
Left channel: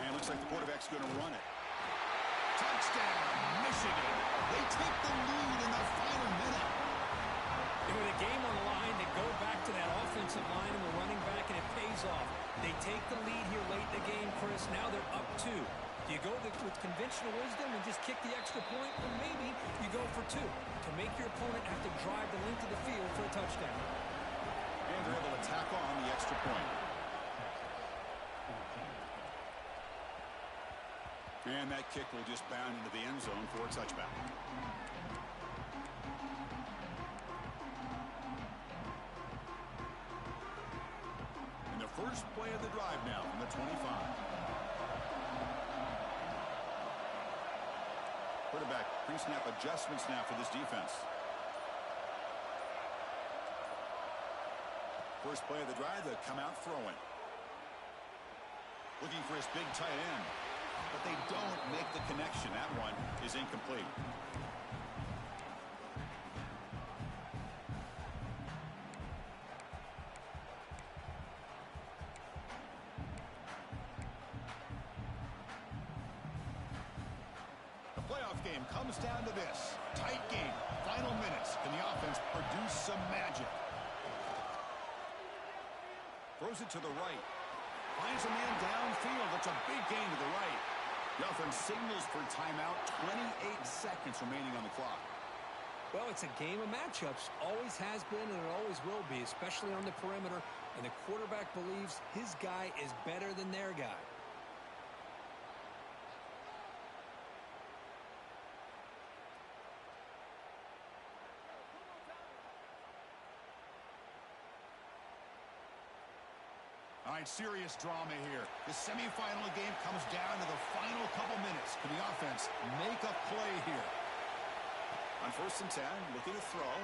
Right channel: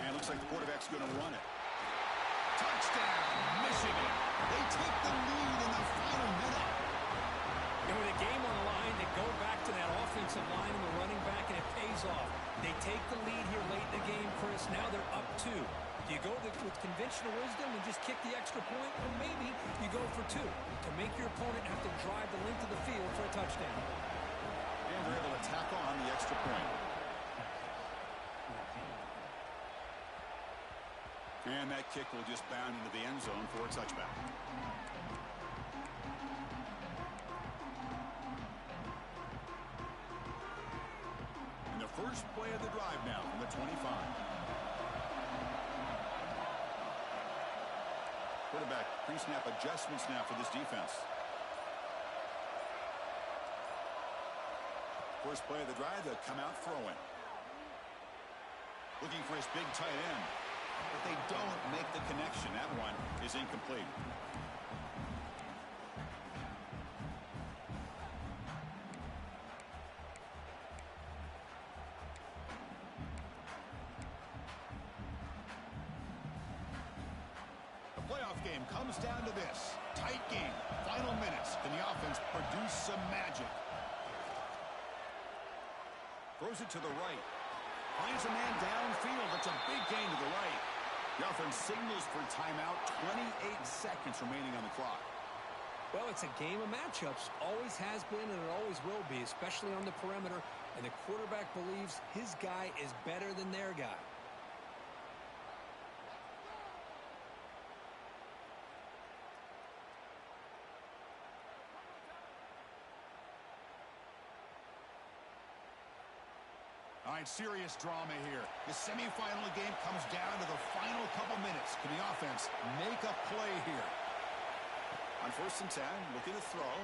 And it looks like the quarterback's going to run it. Touchdown, Michigan. They take the lead in the final minute. And with a game on the line, they go back to that offensive line and the running back, and it pays off. They take the lead here late in the game, Chris. Now they're up 2. Do you go with conventional wisdom and just kick the extra point? Or maybe you go for 2 to make your opponent have to drive the length of the field for a touchdown. And they're able to tack on the extra point. And that kick will just bound into the end zone for a touchback. And the first play of the drive now from the 25. Quarterback pre-snap adjustments now for this defense. First play of the drive, they'll come out throwing. Looking for his big tight end. But they don't make the connection. That one is incomplete. The playoff game comes down to this. Tight game. Final minutes. Can the offense produce some magic? Throws it to the right. Finds a man downfield. That's a big gain to the right. The offense signals for timeout. 28 seconds remaining on the clock. Well, it's a game of matchups. Always has been, and it always will be, especially on the perimeter. And the quarterback believes his guy is better than their guy. All right, serious drama here. The semifinal game comes down to the final couple minutes. Can the offense make a play here? On 1st and 10, looking to throw.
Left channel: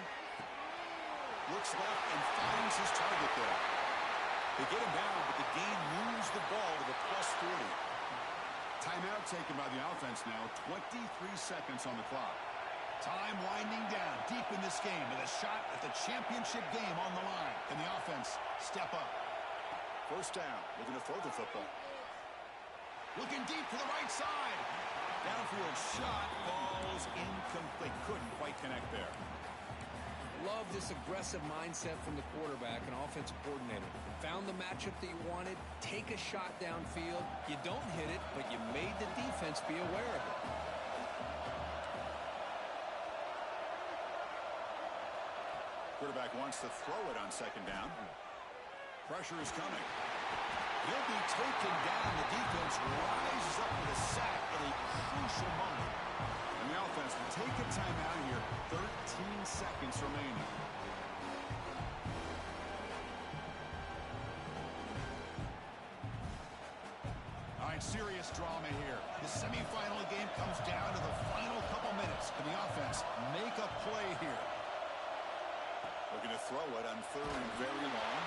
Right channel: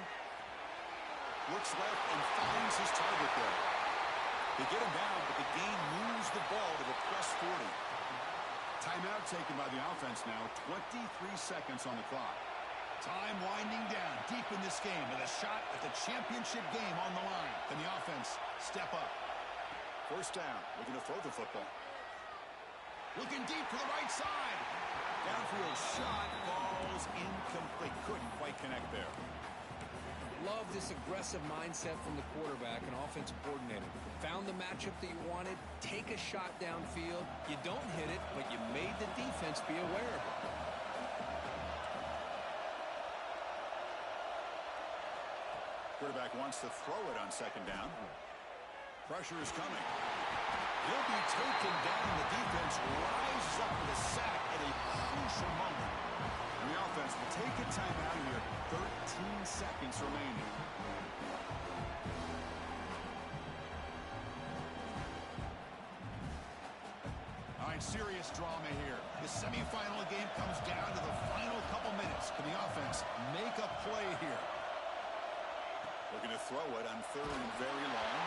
Looks left and finds his target there. They get him down, but the gain moves the ball to the +40. Timeout taken by the offense now. 23 seconds on the clock. Time winding down deep in this game with a shot at the championship game on the line. Can the offense step up? First down, looking to throw the football. Looking deep to the right side. Downfield shot falls incomplete. Couldn't quite connect there. Love this aggressive mindset from the quarterback and offensive coordinator. Found the matchup that you wanted. Take a shot downfield. You don't hit it, but you made the defense be aware of it. Quarterback wants to throw it on 2nd down. Pressure is coming. He'll be taken down. The defense rises up with a sack at a crucial moment. And the offense will take a timeout here. 13 seconds remaining. All right, serious drama here. The semifinal game comes down to the final couple minutes. Can the offense make a play here? Looking to throw it on third and very long.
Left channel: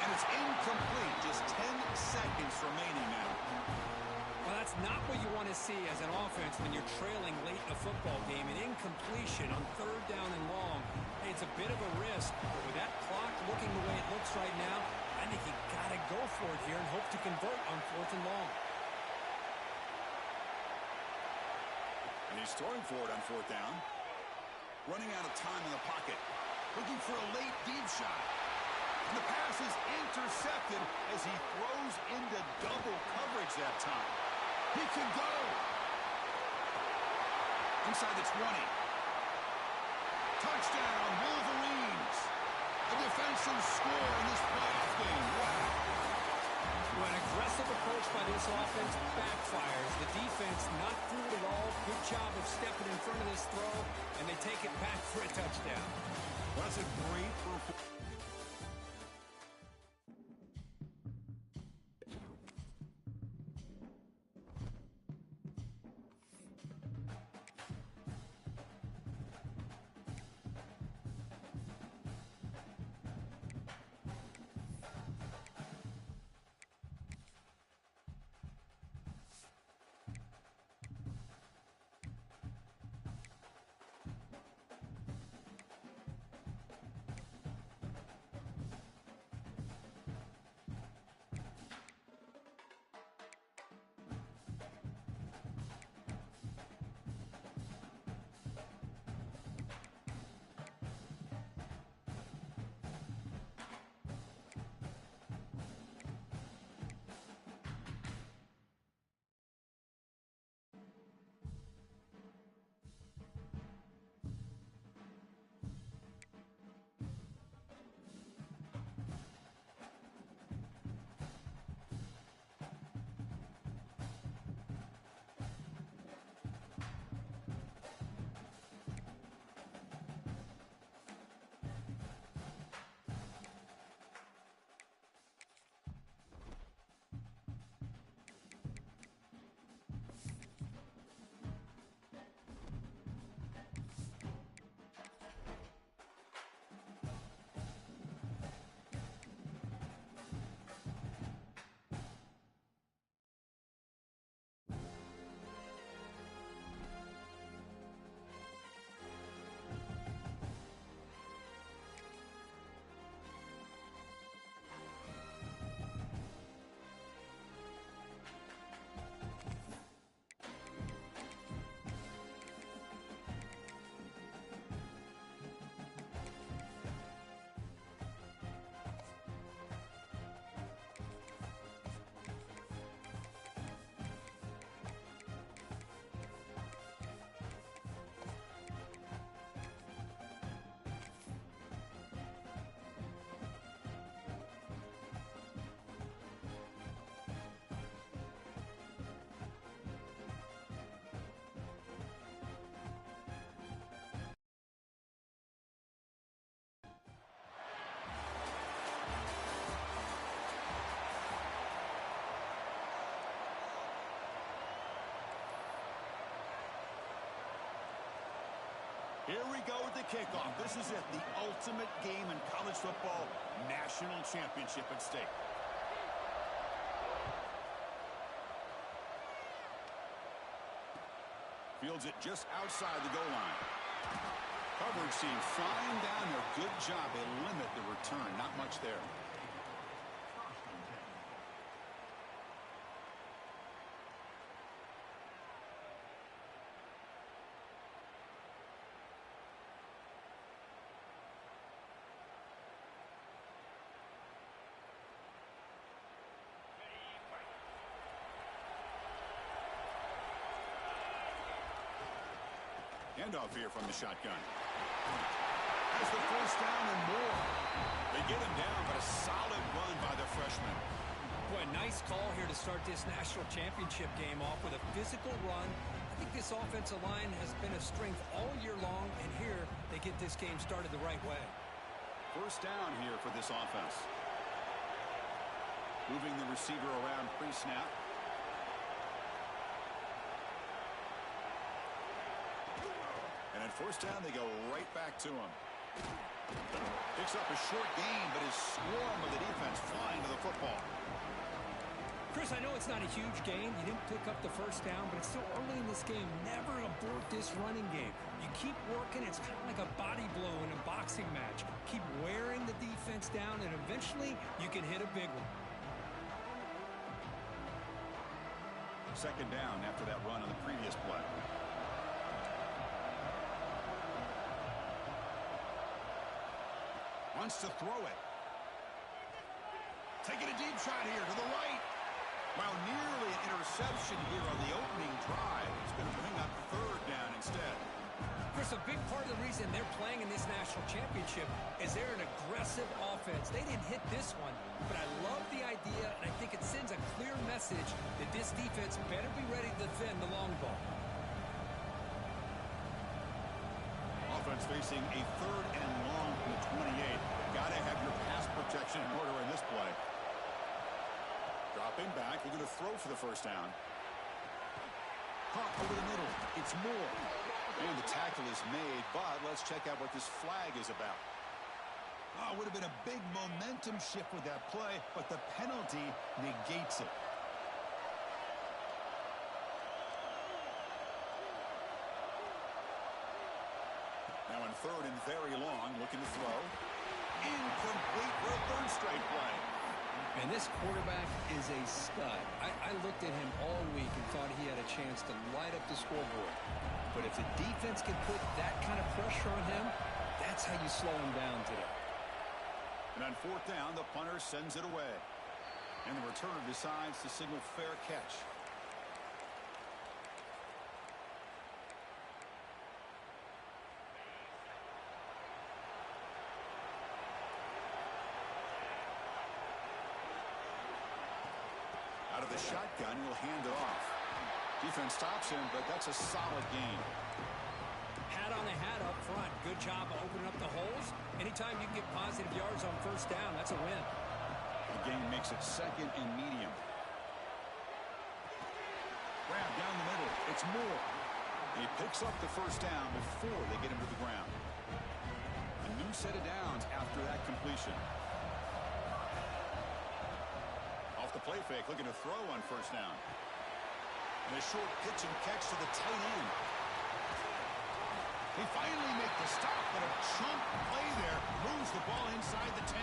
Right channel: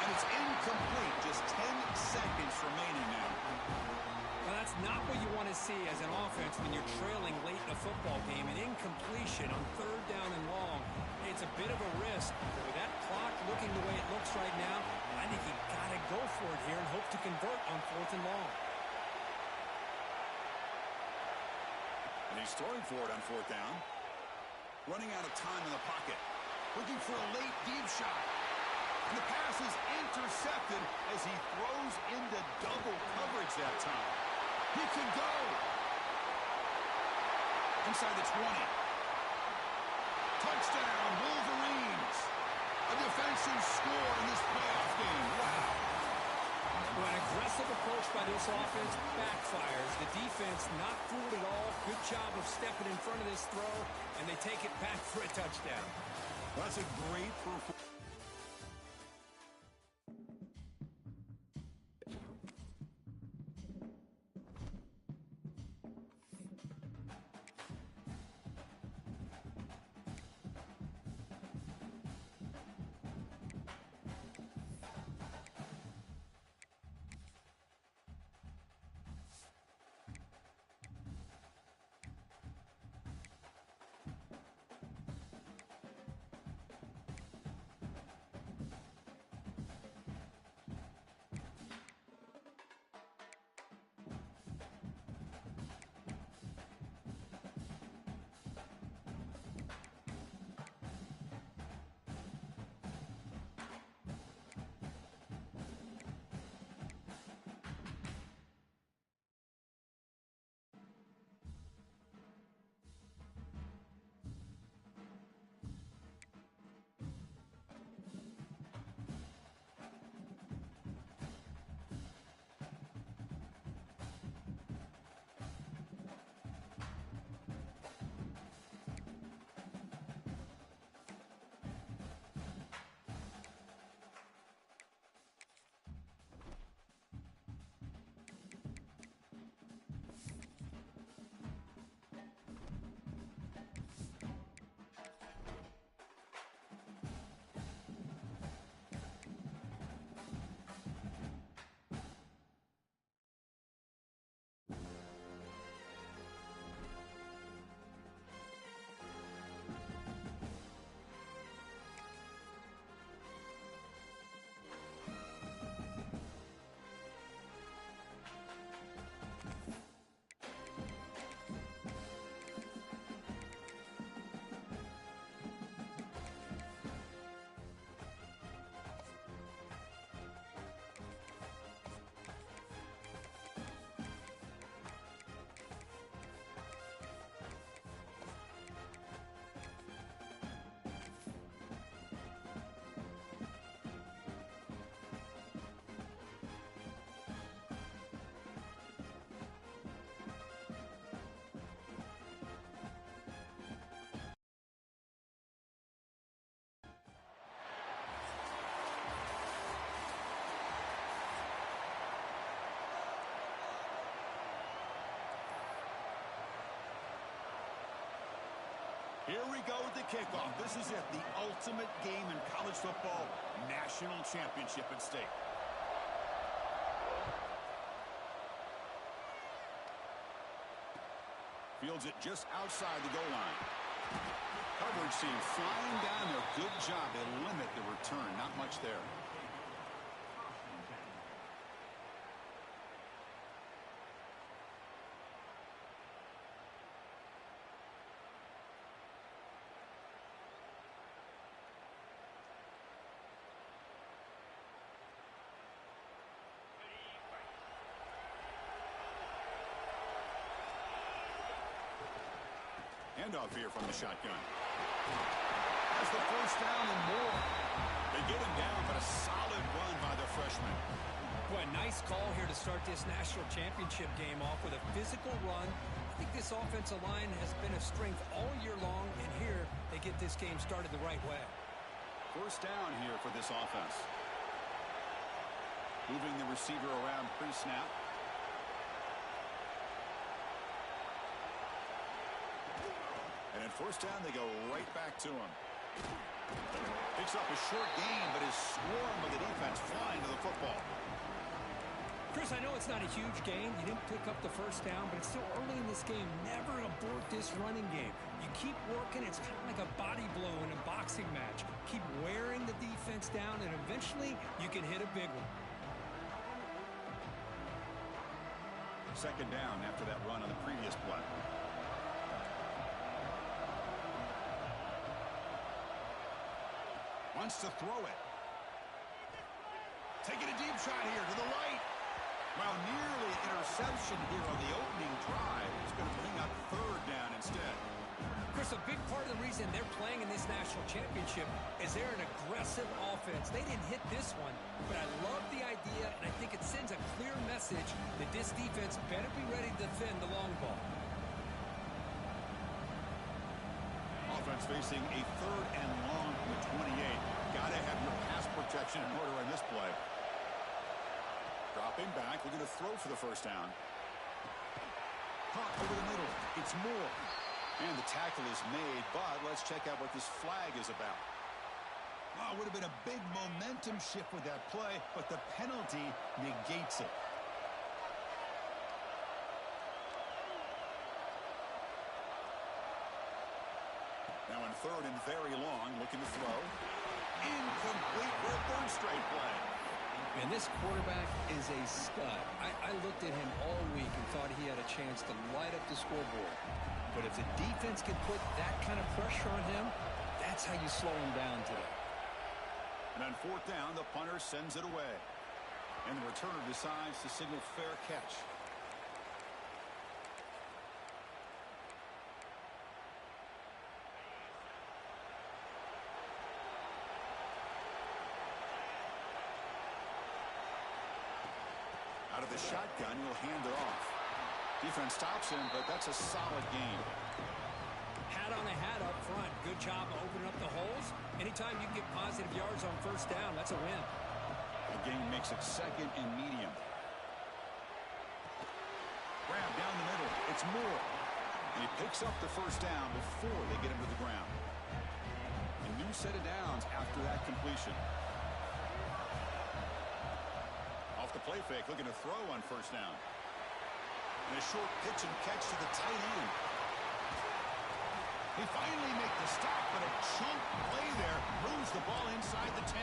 And it's incomplete. Just 10 seconds remaining now. Well, that's not what you want to see as an offense when you're trailing late in a football game. An incompletion on third down and long. It's a bit of a risk, but with that clock looking the way it looks right now, I think you got to go for it here and hope to convert on fourth and long. And he's throwing for it on fourth down. Running out of time in the pocket. Looking for a late deep shot. And the pass is intercepted as he throws into double coverage that time. He could go. Inside the 20. Touchdown, Wolverines. A defensive score in this playoff game. Wow. Well, an aggressive approach by this offense backfires. The defense not fooled at all. Good job of stepping in front of this throw, and they take it back for a touchdown. Well, that's a great performance. Here we go with the kickoff. This is it, the ultimate game in college football, national championship at stake. Fields it just outside the goal line. Coverage team flying down there. Good job. They limit the return. Not much there. Handoff here from the shotgun. Has the first down and more. They get him down, but a solid run by the freshman. Boy, nice call here to start this national championship game off with a physical run. I think this offensive line has been a strength all year long, and here they get this game started the right way. First down here for this offense. Moving the receiver around pre-snap. And at first down, they go right back to him. Picks up a short gain, but is swarmed by the defense flying to the football. Chris, I know it's not a huge gain. You didn't pick up the first down, but it's still early in this game. Never abort this running game. You keep working. It's kind of like a body blow in a boxing match. Keep wearing the defense down, and eventually you can hit a big one. Second down after that run on the previous play. Wants to throw it. Taking a deep shot here to the right. Well, nearly an interception here on the opening drive. It's going to bring up third down instead. Chris, a big part of the reason they're playing in this national championship is they're an aggressive offense. They didn't hit this one, but I love the idea, and I think it sends a clear message that this defense better be ready to defend the long ball. Offense facing a third and long from the 28. Got to have your pass protection in order in this play. Dropping back, looking to throw for the first down. Caught over the middle. It's Moore. And the tackle is made, but let's check out what this flag is about. Oh, would have been a big momentum shift with that play, but the penalty negates it. Now in third and very long, looking to throw. Incomplete for a third straight play. And this quarterback is a stud. I looked at him all week and thought he had a chance to light up the scoreboard. But if the defense can put that kind of pressure on him, that's how you slow him down today. And on fourth down, the punter sends it away. And the returner decides to signal fair catch. Out of the shotgun, he'll hand it off. Defense stops him, but that's a solid gain. Hat on a hat up front. Good job of opening up the holes. Anytime you can get positive yards on first down, that's a win. The gain makes it second and medium. Grab down the middle. It's Moore. And he picks up the first down before they get him to the ground. A new set of downs after that completion. Off the play fake, looking to throw on first down. And a short pitch and catch to the tight end. He finally makes the stop, but a chunk play there moves the ball inside the 10.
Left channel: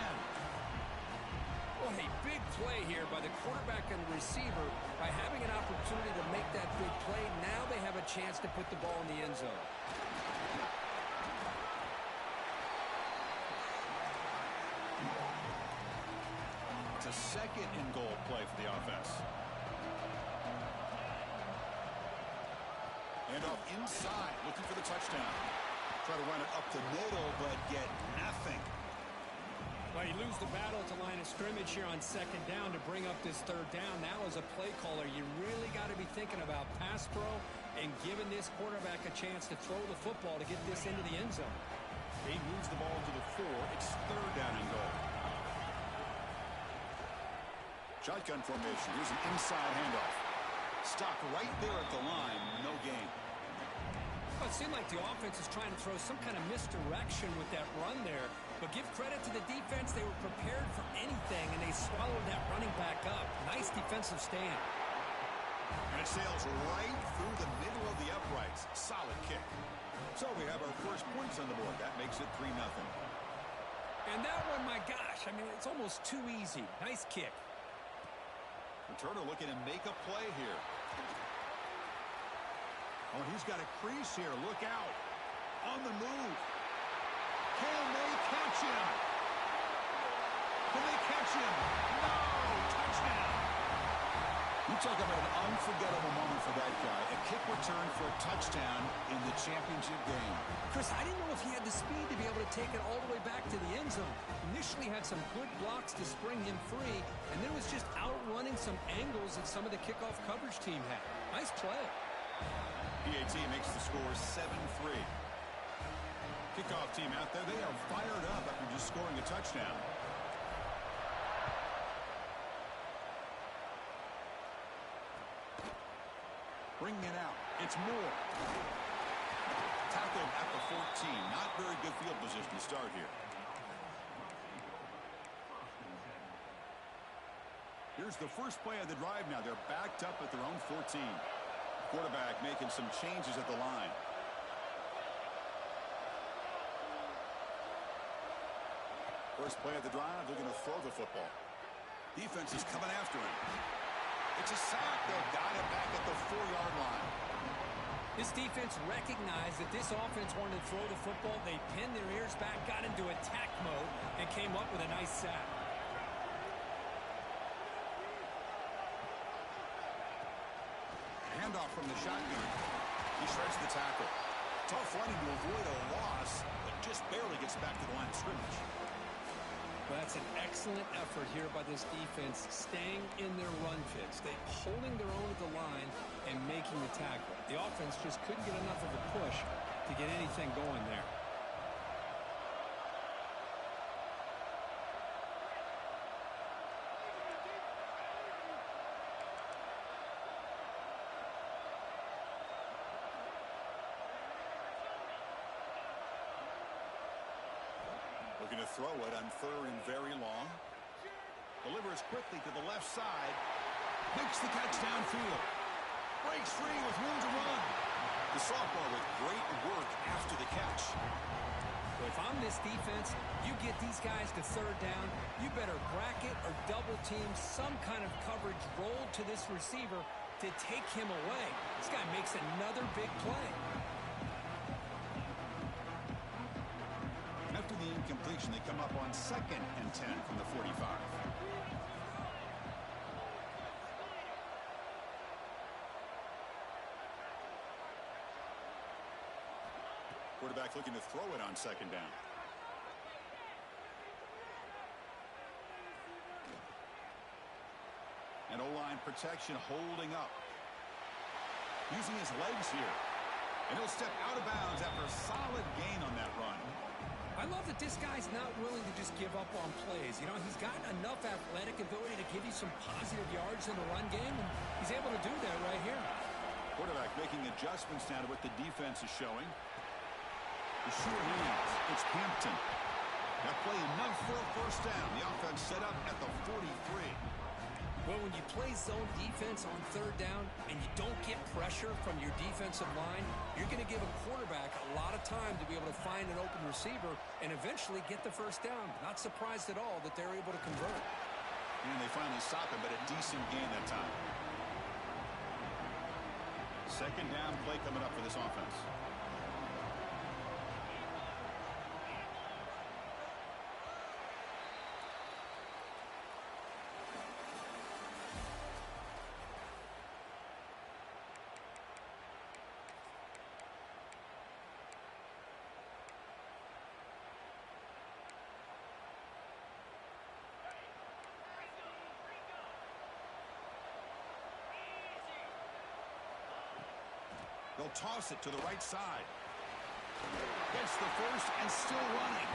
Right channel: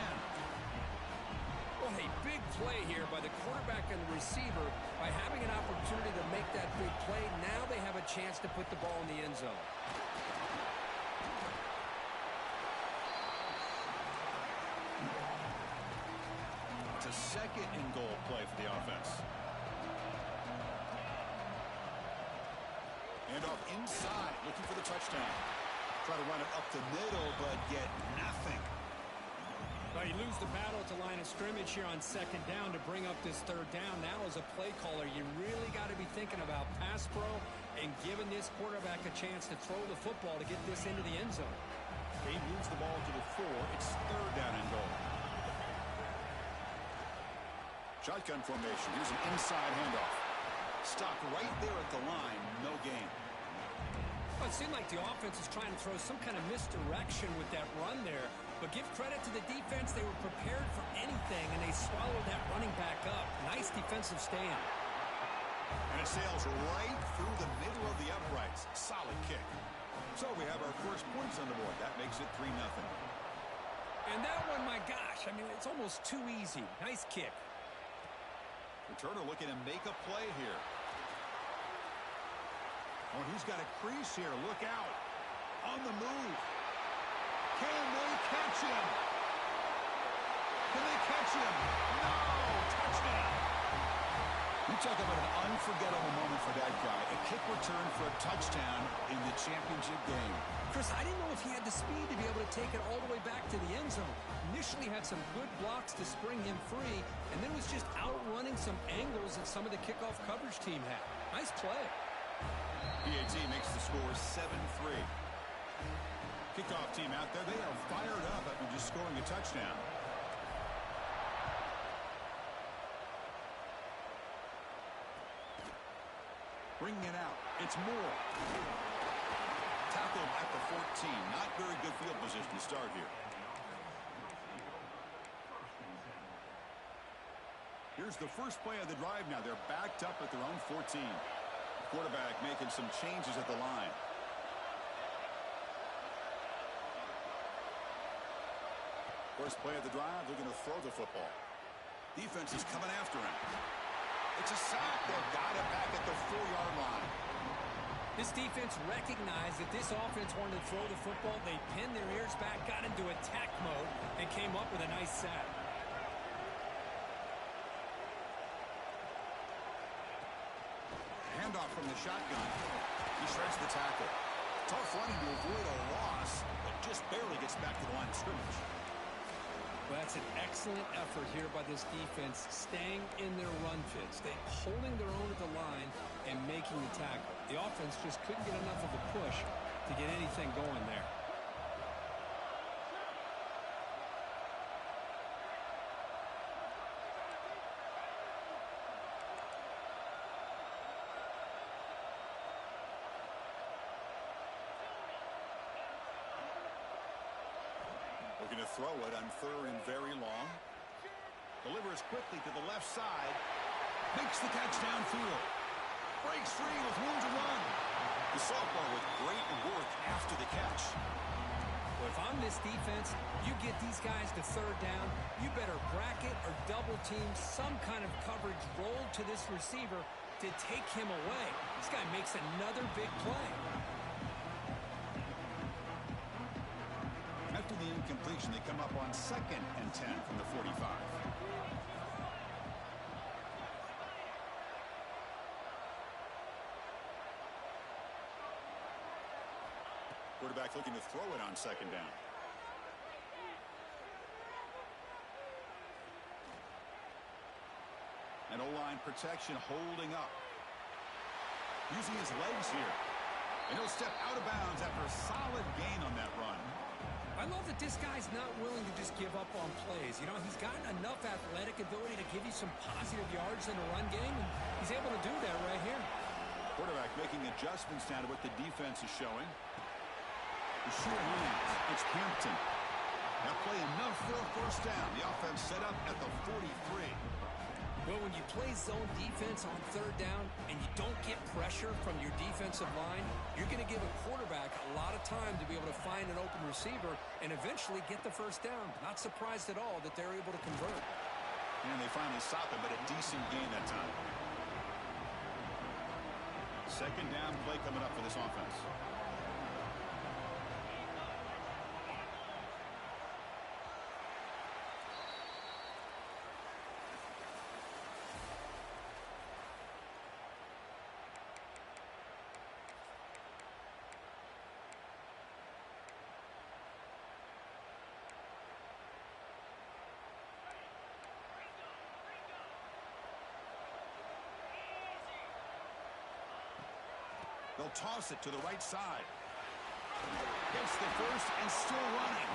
What a big play here by the quarterback and the receiver. By having an opportunity to make that big play, now they have a chance to put the ball in the end zone. It's a second and goal play for the offense. Handoff inside, looking for the touchdown. Try to run it up the middle, but get nothing. Well, you lose the battle at the line of scrimmage here on second down to bring up this third down. Now as a play caller, you really got to be thinking about pass pro and giving this quarterback a chance to throw the football to get this into the end zone. He moves the ball to the 4. It's third down and goal. Shotgun formation. Here's an inside handoff. Stopped right there at the line. No gain. Well, it seemed like the offense is trying to throw some kind of misdirection with that run there. But give credit to the defense. They were prepared for anything, and they swallowed that running back up. Nice defensive stand. And it sails right through the middle of the uprights. Solid kick. So we have our first points on the board. That makes it 3-0. And that one, my gosh, I mean, it's almost too easy. Nice kick. Returner looking to make a play here. Oh, he's got a crease here. Look out. On the move. Can they catch him? Can they catch him? No! Touchdown! You talk about an unforgettable moment for that guy. A kick return for a touchdown in the championship game. Chris, I didn't know if he had the speed to be able to take it all the way back to the end zone. Initially had some good blocks to spring him free, and then was just outrunning some angles that some of the kickoff coverage team had. Nice play. PAT makes the score 7-3. Kickoff team out there, they are fired up after just scoring a touchdown. Bringing it out. It's Moore. Tackled at the 14. Not very good field position to start here. Here's the first play of the drive now. They're backed up at their own 14. Quarterback making some changes at the line. First play of the drive, they're going to throw the football. Defense is coming after him. It's a sack. They've got it back at the 4-yard line. This defense recognized that this offense wanted to throw the football. They pinned their ears back, got into attack mode, and came up with a nice sack. Handoff from the shotgun. He shreds the tackle. Tough running to avoid a loss, but just barely gets back to the line of scrimmage. Well, that's an excellent effort here by this defense, staying in their run fits. They holding their own at the line and making the tackle. The offense just couldn't get enough of a push to get anything going there. Looking to throw it on 3rd and very long. Delivers quickly to the left side. Makes the catch downfield. Breaks free with room to run. The sophomore with great work after the catch. Well, if I'm this defense, you get these guys to 3rd down, you better bracket or double team some kind of coverage roll to this receiver to take him away. This guy makes another big play. After the incompletion, they come up on 2nd and 10 from the 45. Quarterback looking to throw it on 2nd down. And O-line protection holding up. Using his legs here. And he'll step out of bounds after a solid gain on that run. I love that this guy's not willing to just give up on plays. You know, he's got enough athletic ability to give you some positive yards in the run game, and he's able to do that right here. Quarterback making adjustments now to what the defense is showing. The sure hands. It's Hampton. That play enough for a 1st down. The offense set up at the 43. Well, when you play zone defense on 3rd down and you don't get pressure from your defensive line, you're going to give a quarterback a lot of time to be able to find an open receiver and eventually get the 1st down. Not surprised at all that they're able to convert. And they finally stop him, but a decent gain that time. 2nd down play coming up for this offense. They'll toss it to the right side. Gets the 1st and still running.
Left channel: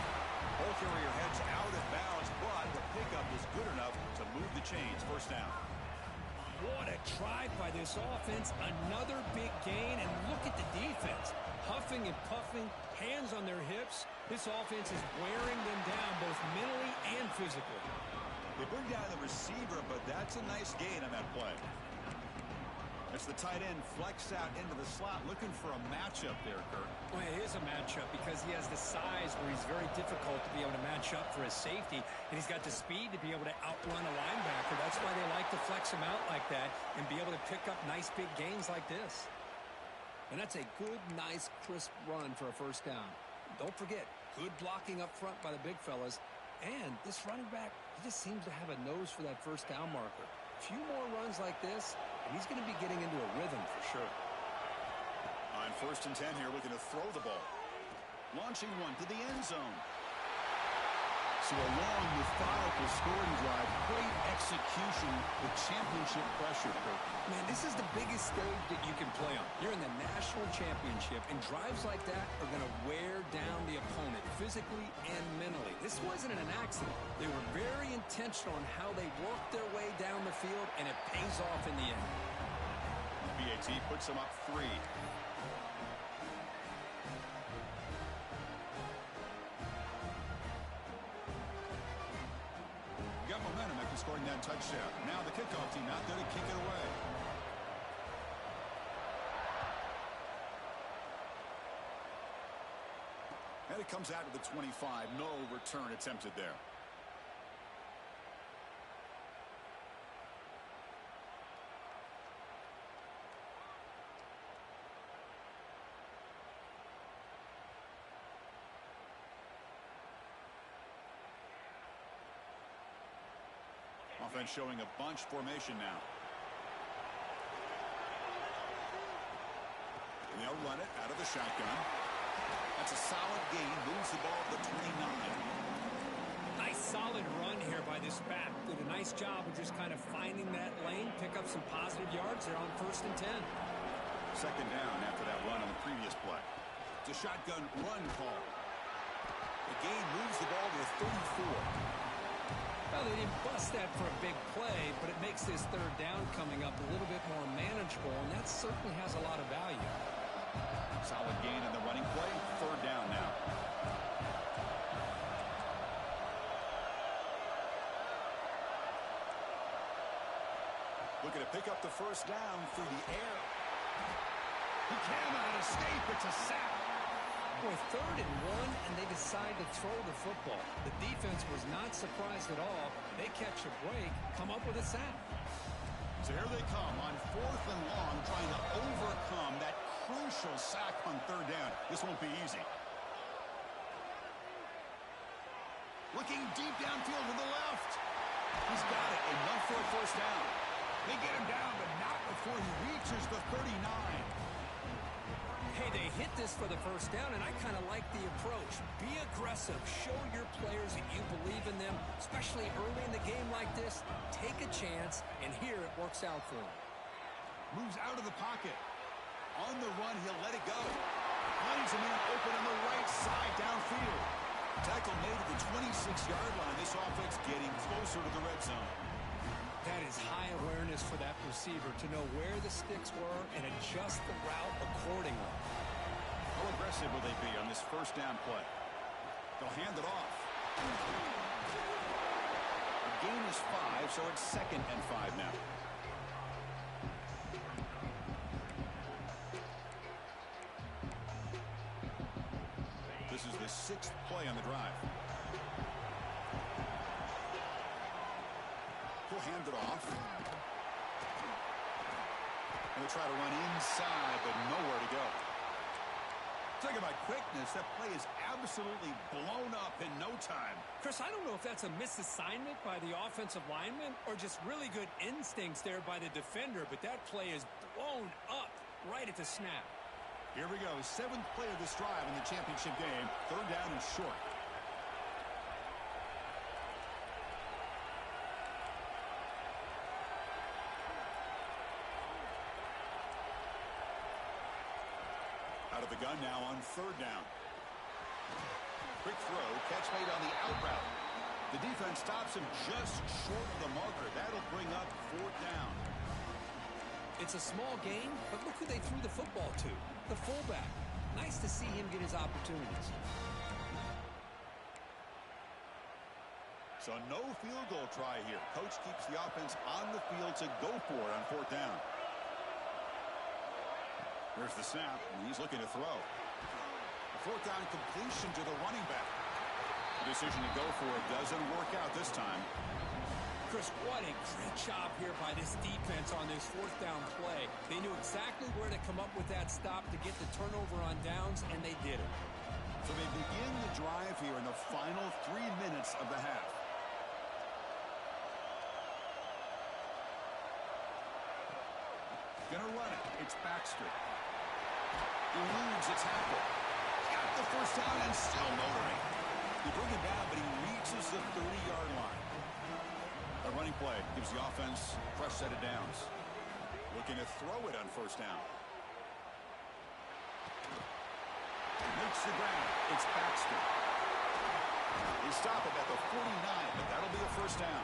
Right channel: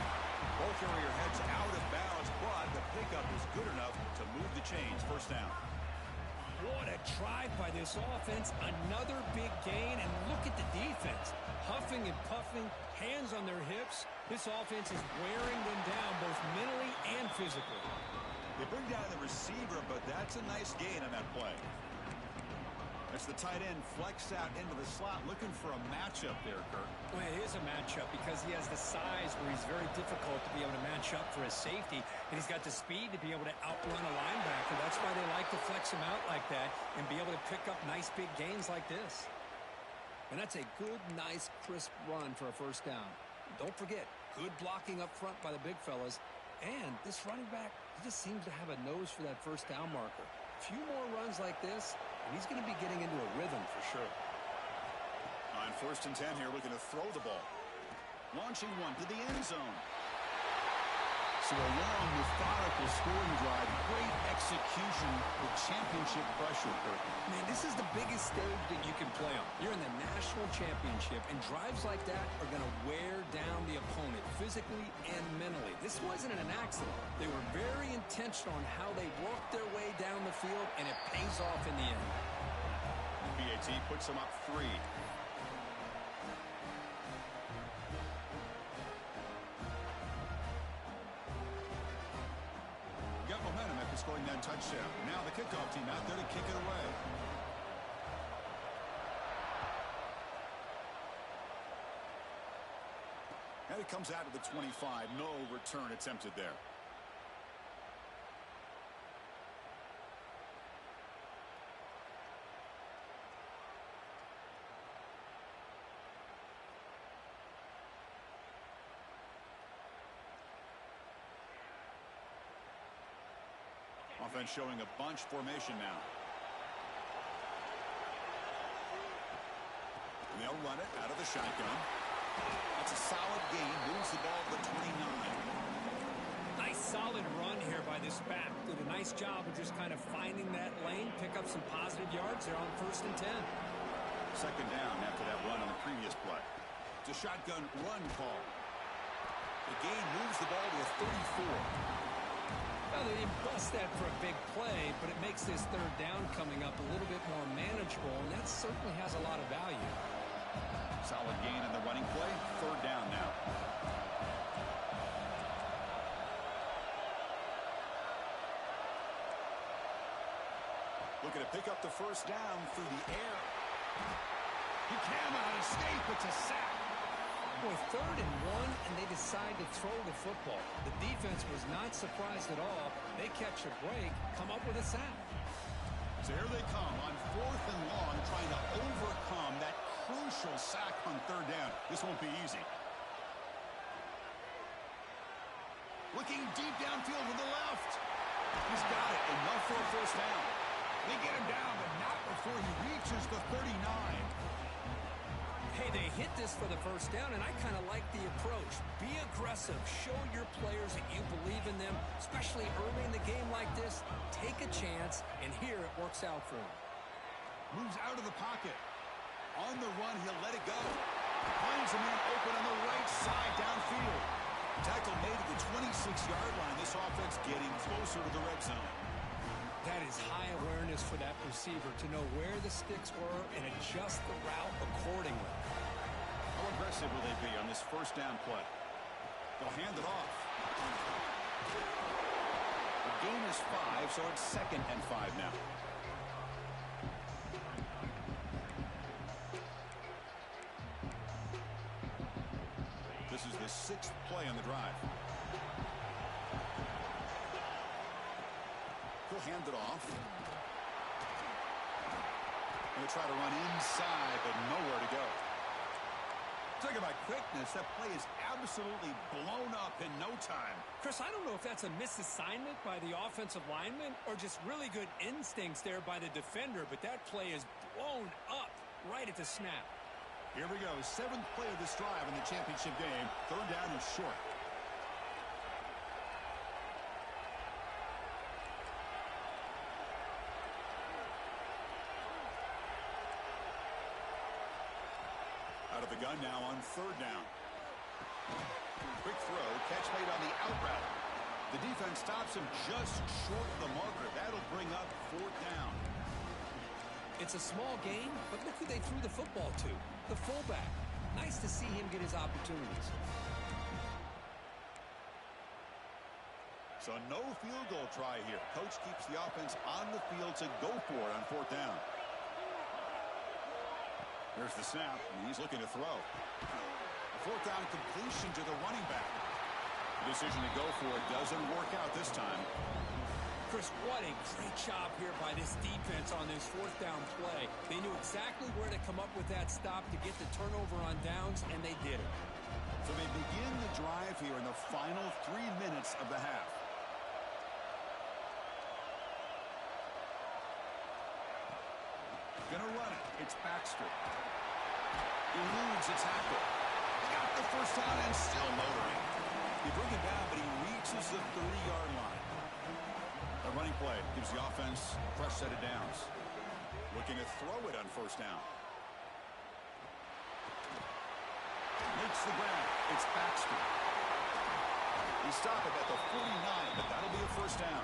Ball carrier heads out of bounds, but the pickup is good enough to move the chains. 1st down. What a drive by this offense. Another big gain, and look at the defense. Huffing and puffing, hands on their hips. This offense is wearing them down both mentally and physically. They bring down the receiver, but that's a nice gain on that play. That's the tight end flexed out into the slot, looking for a matchup there, Kirk. Well, it is a matchup because he has the size where he's very difficult to be able to match up for his safety, and he's got the speed to be able to outrun a linebacker. That's why they like to flex him out like that and be able to pick up nice big gains like this. And that's a good, nice, crisp run for a 1st down. Don't forget, good blocking up front by the big fellas, and this running back, he just seems to have a nose for that 1st down marker. A few more runs like this, and he's going to be getting into a rhythm for sure. On 1st and 10 here, looking to throw the ball. Launching one to the end zone. So a long, methodical scoring drive. Great execution with championship pressure, Kirk. Man, this is the biggest stage that you can play on. You're in the national championship, and drives like that are going to wear down the opponent physically and mentally. This wasn't an accident. They were very intentional on how they worked their way down the field, and it pays off in the end. BAT puts them up 3. Got momentum after scoring that touchdown. Now the kickoff team out there to kick it away. And it comes out to the 25. No return attempted there. Offense showing a bunch formation now. And they'll run it out of the shotgun. That's a solid gain. Moves the ball to the 29. Nice solid run here by this back. Did a nice job of just kind of finding that lane, pick up some positive yards there on 1st and 10. Second down after that run on the previous play. It's a shotgun run call. The gain moves the ball to the 34. Well, they didn't bust that for a big play, but it makes this 3rd down coming up a little bit more manageable, and that certainly has a lot of value. Solid gain in the running play. 3rd down now. Looking to pick up the 1st down through the air. He cannot escape. It's a sack. Boy, 3rd and 1, and they decide to throw the football. The defense was not surprised at all. They catch a break, come up with a sack. So here they come on 4th and long, trying to overcome that crucial sack on 3rd down. This won't be easy. Looking deep downfield to the left. He's got it. Enough for a 1st down. They get him down, but not before he reaches the 39. Hey, they hit this for the 1st down, and I kind of like the approach. Be aggressive. Show your players that you believe in them, especially early in the game like this. Take a chance, and here it works out for him. Moves out of the pocket. On the run, he'll let it go. Finds a man open on the right side downfield. Tackle made at the 26-yard line. This offense getting closer to the red zone. That is high awareness for that receiver to know where the sticks were and adjust the route accordingly. How aggressive will they be on this 1st down play? They'll hand it off. The gain is 5, so it's 2nd and 5 now. This is the 6th play on the drive. He'll hand it off. And they try to run inside, but nowhere to go. Talking about quickness, that play is absolutely blown up in no time. Chris, I don't know if that's a misassignment by the offensive lineman or just really good instincts there by the defender, but that play is blown up right at the snap. Here we go. 7th play of this drive in the championship game. 3rd down and short. Out of the gun now on 3rd down. Quick throw, catch made on the out route. The defense stops him just short of the marker. That'll bring up 4th down. It's a small gain, but look who they threw the football to. The fullback. Nice to see him get his opportunities. So no field goal try here. Coach keeps the offense on the field to go for it on 4th down. Here's the snap, and he's looking to throw. A 4th down completion to the running back. The decision to go for it doesn't work out this time. Chris, what a great job here by this defense on this 4th down play. They knew exactly where to come up with that stop to get the turnover on downs, and they did it. So they begin the drive here in the final 3 minutes of the half. Gonna run it. It's Baxter. Eludes a tackle. Got the 1st down and still motoring. You bring him down, but he reaches the 30-yard line. A running play gives the offense a fresh set of downs. Looking to throw it on 1st down. Makes the ground. It's Baxter. They stop him at the 49, but that'll be a 1st down.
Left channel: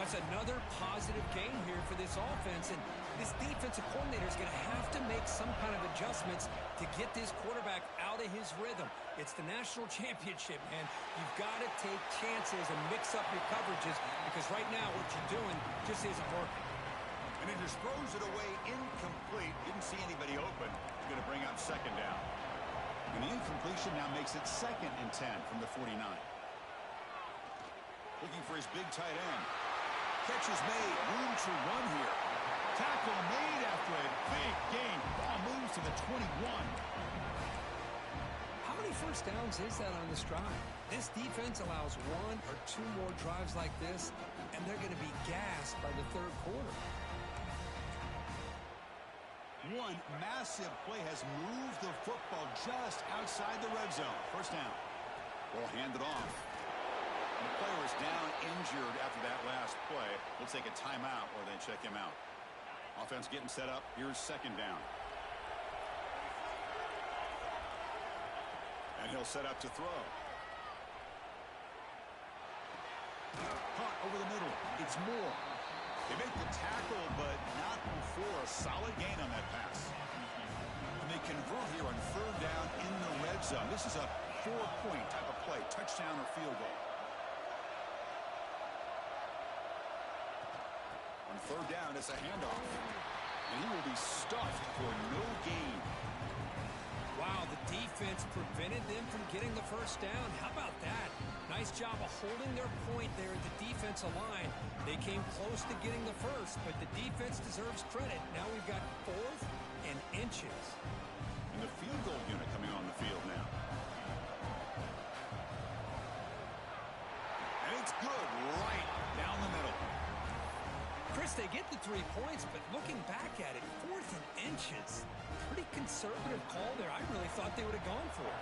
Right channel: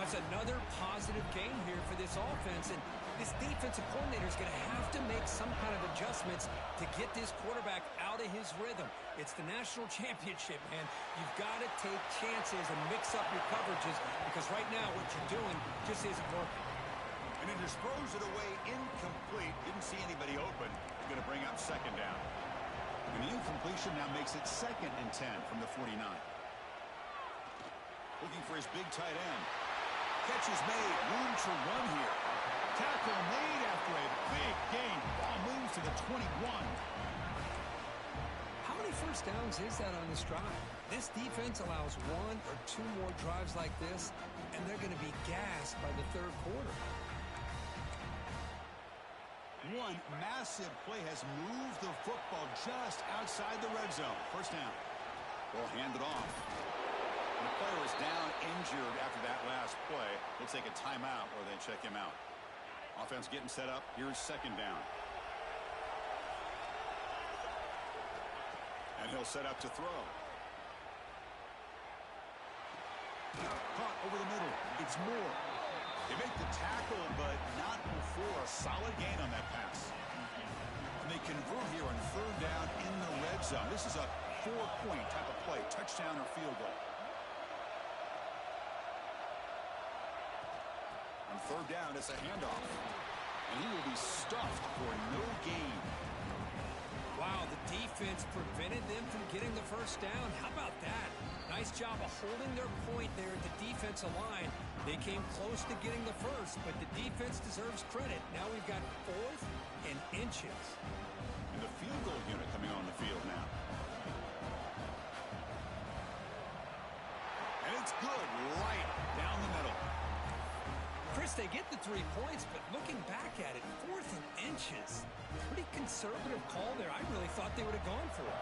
That's another positive game here for this offense, and this defensive coordinator is going to have to make some kind of adjustments to get this quarterback out of his rhythm. It's the national championship, man. You've got to take chances and mix up your coverages because right now what you're doing just isn't working. And he just throws it away incomplete. Didn't see anybody open. Going to bring up second down. And the incompletion now makes it 2nd and 10 from the 49. Looking for his big tight end. Catch is made. Room to run here. Tackle made after a big gain. Ball moves to the 21. How many first downs is that on this drive? This defense allows 1 or 2 more drives like this, and they're going to be gassed by the 3rd quarter. One massive play has moved the football just outside the red zone. First down. Ball handed off. And the player is down injured after that last play. We'll take a timeout or then check him out. Offense getting set up. Here's second down. And he'll set up to throw. Caught over the middle. It's Moore. They make the tackle, but not before a solid gain on that pass. And they convert here on 3rd down in the red zone. This is a 4-point type of play. Touchdown or field goal. On 3rd down, it's a handoff. And he will be stuffed for no gain. Wow, the defense prevented them from getting the first down. How about that? Nice job of holding their point there at the defensive line. They came close to getting the first, but the defense deserves credit. Now we've got 4th and inches. And the field goal unit coming on the field now. And it's good right down the middle. Chris, they get the 3 points, but looking back at it, 4th and inches. Pretty conservative call there. I really thought they would have gone for it.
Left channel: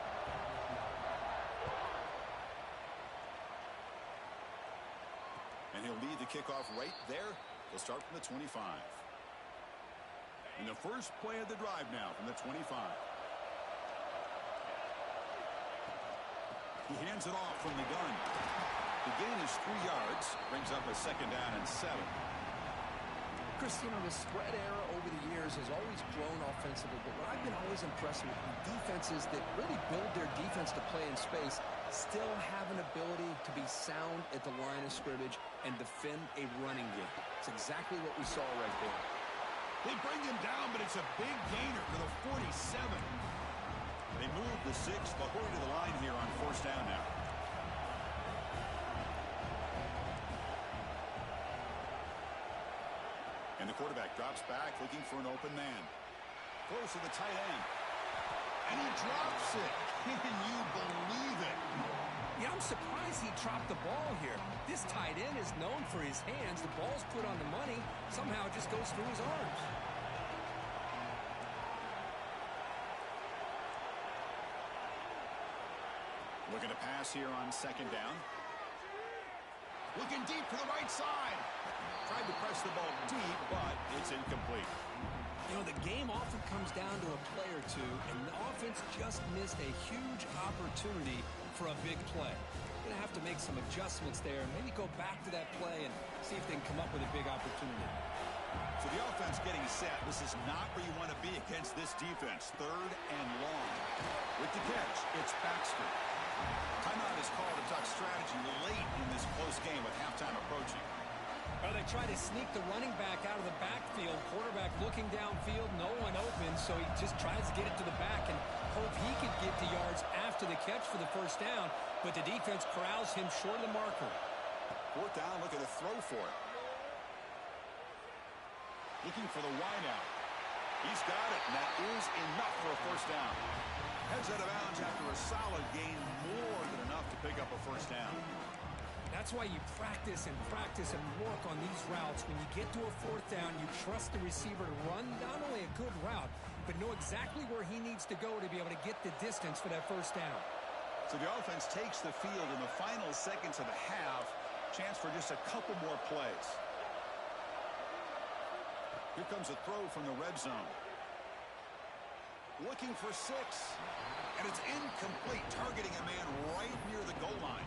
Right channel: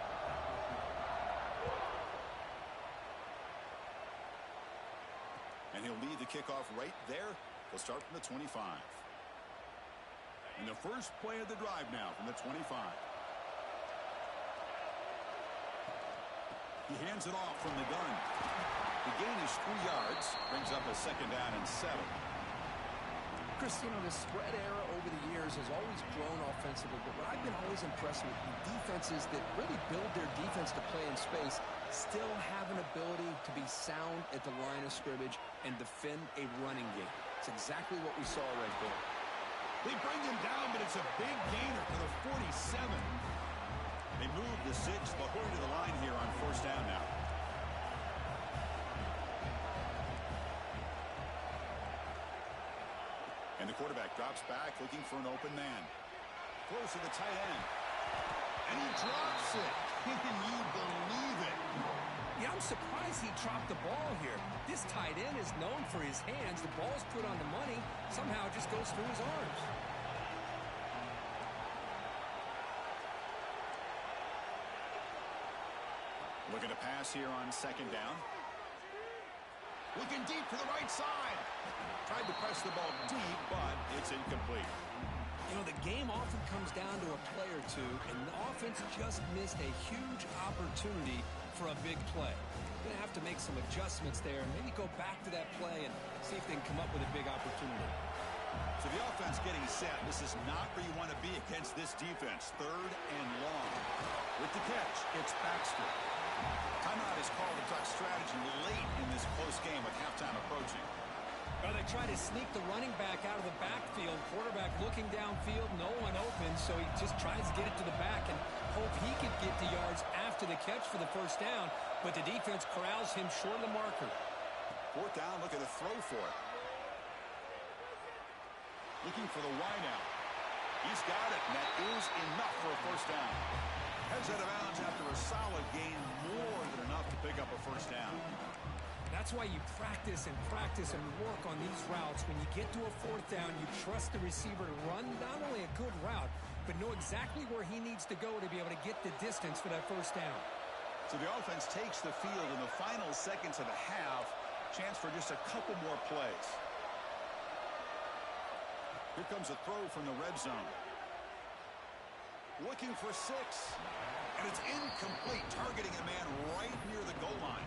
And he'll lead the kickoff right there. He'll start from the 25. And the first play of the drive now from the 25. He hands it off from the gun. The gain is 3 yards. Brings up a second down and 7. Chris, you know, the spread era over the years has always grown offensively, but what I've been always impressed with defenses that really build their defense to play in space still have an ability to be sound at the line of scrimmage and defend a running game. It's exactly what we saw right there. They bring him down, but it's a big gainer for the 47. They move the 6, LaHoy to the line here on 1st down now. And the quarterback drops back, looking for an open man. Throws to the tight end. And he drops it. Can you believe it? Yeah, I'm surprised he dropped the ball here. This tight end is known for his hands. The ball's put on the money. Somehow it just goes through his arms. Looking to pass here on 2nd down. Looking deep to the right side. Tried to press the ball deep, but it's incomplete. You know, the game often comes down to a play or two, and the offense just missed a huge opportunity for a big play. Going to have to make some adjustments there and maybe go back to that play and see if they can come up with a big opportunity. So the offense getting set. This is not where you want to be against this defense. 3rd and long. With the catch, it's Baxter. Timeout is called to duck strategy late in this close game with halftime approaching. Well, they try to sneak the running back out of the backfield. Quarterback looking downfield, no one open, so he just tries to get it to the back and hope he could get to yards after the catch for the first down, but the defense corrals him short of the marker. 4th down, look at the throw for it. Looking for the wideout. He's got it, and that is enough for a first down. Heads out of bounds after a solid gain, more than enough to pick up a first down. That's why you practice and work on these routes. When you get to a 4th down, you trust the receiver to run not only a good route, but know exactly where he needs to go to be able to get the distance for that first down. So the offense takes the field in the final seconds of the half. Chance for just a couple more plays. Here comes a throw from the red zone. Looking for 6. And it's incomplete, targeting a man right near the goal line.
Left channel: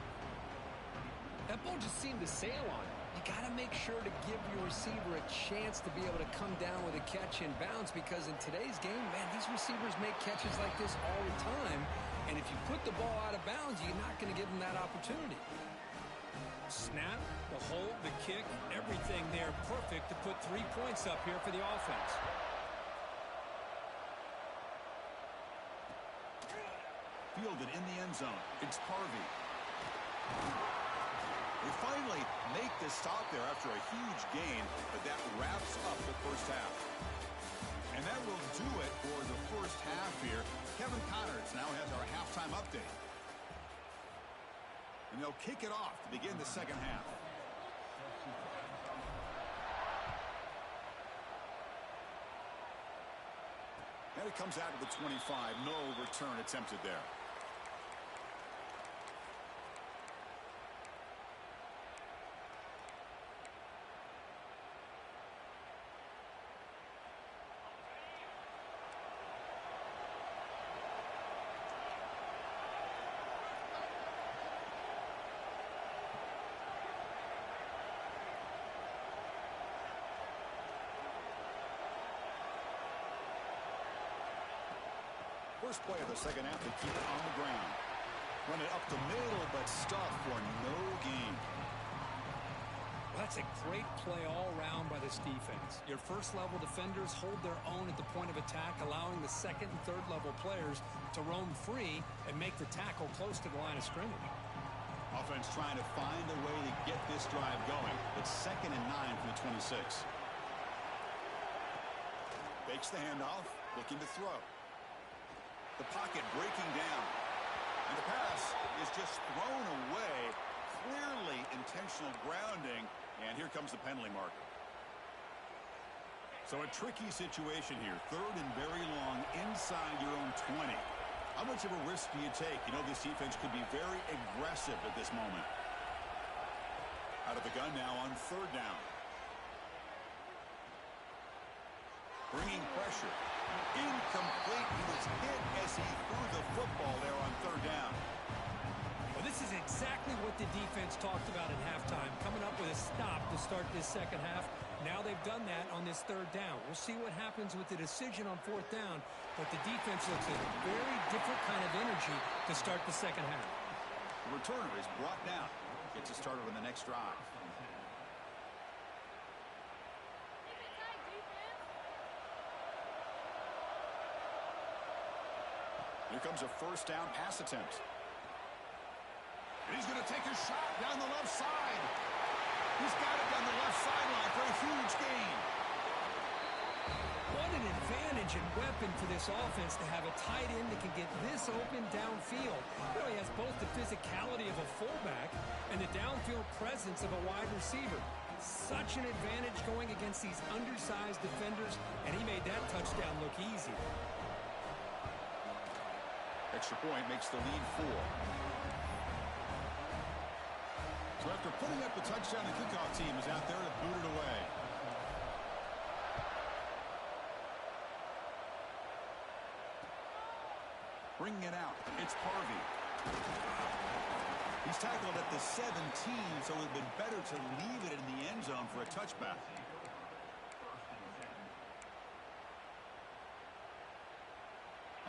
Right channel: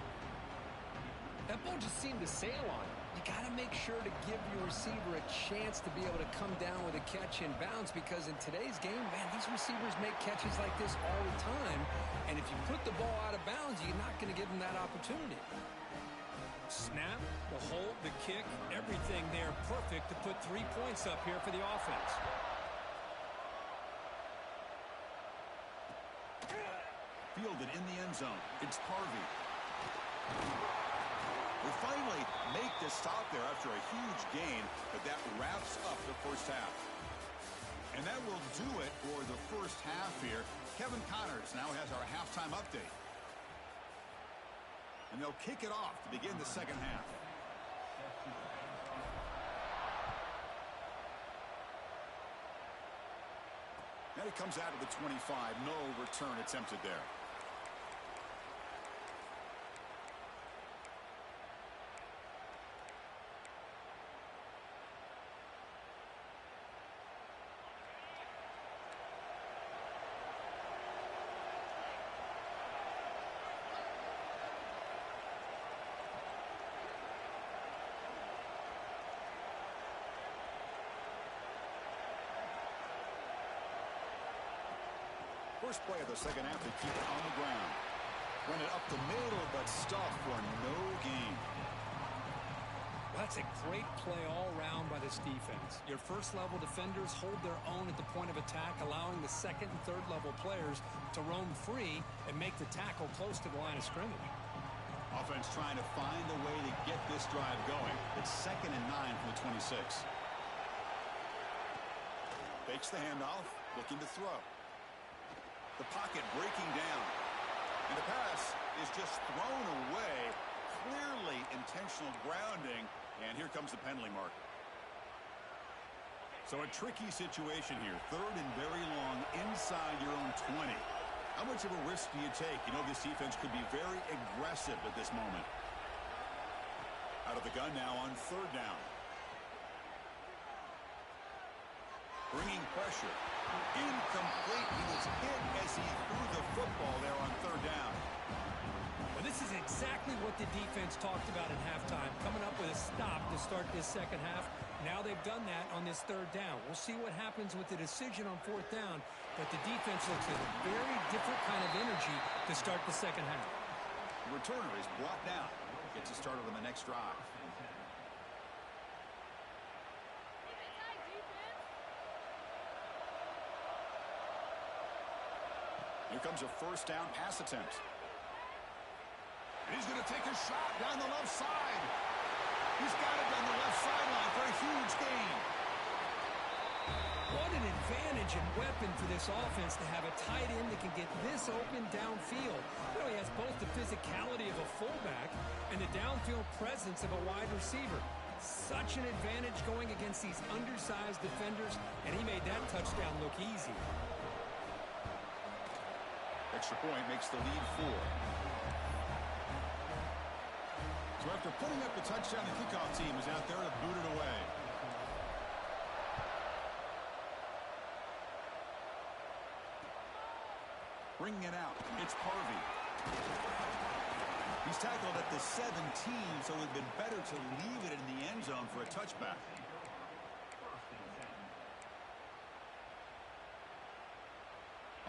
That ball just seemed to sail on him. you got to make sure to give your receiver a chance to be able to come down with a catch and bounce, because in today's game, man, these receivers make catches like this all the time. And if you put the ball out of bounds, you're not going to give them that opportunity. Snap, the hold, the kick, everything there perfect to put 3 points up here for the offense. Fielded in the end zone. It's Harvey. They finally make this stop there after a huge gain, but that wraps up the first half. And that will do it for the first half here. Kevin Connors now has our halftime update. And they'll kick it off to begin the second half. And it comes out of the 25. No return attempted there. First play of the second half, they keep it on the ground. Run it up the middle, but stuff for no gain. Well, that's a great play all around by this defense. Your first-level defenders hold their own at the point of attack, allowing the second and third-level players to roam free and make the tackle close to the line of scrimmage. Offense trying to find a way to get this drive going. It's 2nd and 9 from the 26. Fakes the handoff, looking to throw. The pocket breaking down. And the pass is just thrown away. Clearly intentional grounding. And here comes the penalty marker. So a tricky situation here. 3rd and very long inside your own 20. How much of a risk do you take? You know, this defense could be very aggressive at this moment. Out of the gun now on 3rd down. Bringing pressure. Incomplete. He was hit as he threw the football there on 3rd down. Well, this is exactly what the defense talked about at halftime, coming up with a stop to start this second half. Now they've done that on this 3rd down. We'll see what happens with the decision on 4th down, but the defense looks at a very different kind of energy to start the second half. The returner is brought down. Gets it started on the next drive. Here comes a 1st down pass attempt. And he's going to take a shot down the left side. He's got it down the left sideline for a huge gain. What an advantage and weapon for this offense to have a tight end that can get this open downfield. You know, he has both the physicality of a fullback and the downfield presence of a wide receiver. Such an advantage going against these undersized defenders, and he made that touchdown look easy. Extra point makes the lead 4. So after putting up the touchdown, the kickoff team is out there to boot it away. Bringing it out, it's Harvey. He's tackled at the 17, so it would have been better to leave it in the end zone for a touchback.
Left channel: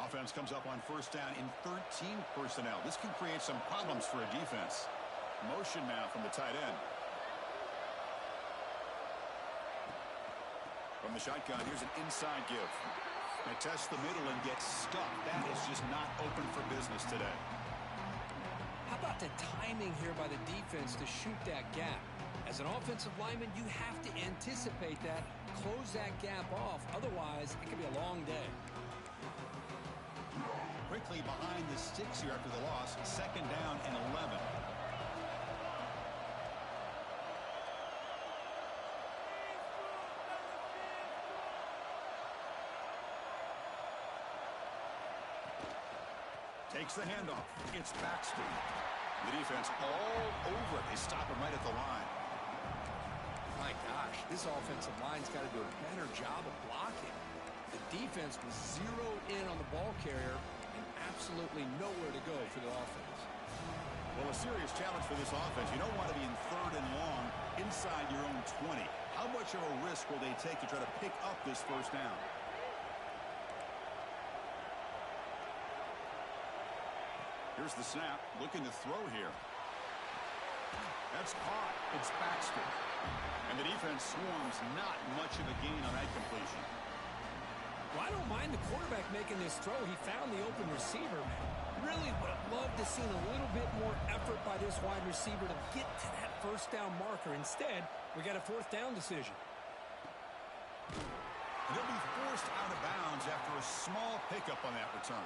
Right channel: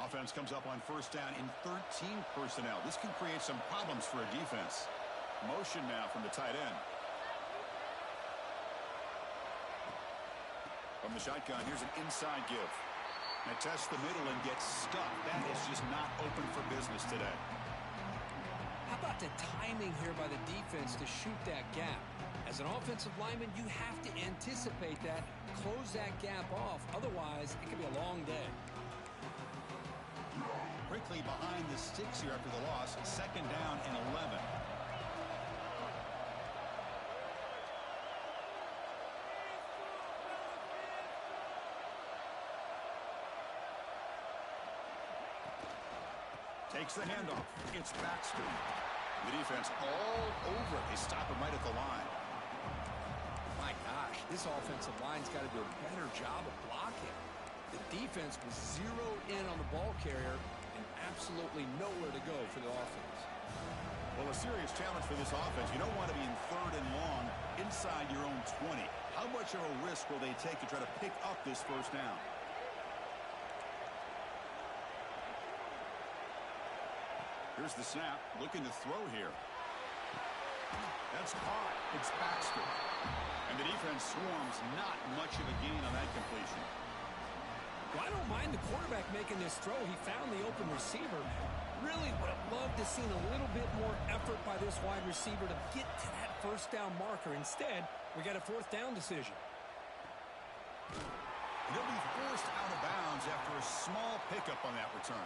Offense comes up on 1st down in 13 personnel. This can create some problems for a defense. Motion now from the tight end. From the shotgun, here's an inside give. They test the middle and get stuck. That is just not open for business today. How about the timing here by the defense to shoot that gap? As an offensive lineman, you have to anticipate that, close that gap off. Otherwise, it could be a long day. Quickly behind the sticks here after the loss. 2nd down and 11. Takes the handoff. It's Baxter. The defense all over it. They stop him right at the line. My gosh, this offensive line's got to do a better job of blocking. The defense was zeroed in on the ball carrier and absolutely nowhere to go for the offense. Well, a serious challenge for this offense. You don't want to be in 3rd and long inside your own 20. How much of a risk will they take to try to pick up this first down? Here's the snap. Looking to throw here. That's caught. It's Baxter. And the defense swarms. Not much of a gain on that completion. Well, I don't mind the quarterback making this throw. He found the open receiver, man. Really would have loved to seen a little bit more effort by this wide receiver to get to that first down marker. Instead, we got a 4th down decision. And he'll be forced out of bounds after a small pickup on that return.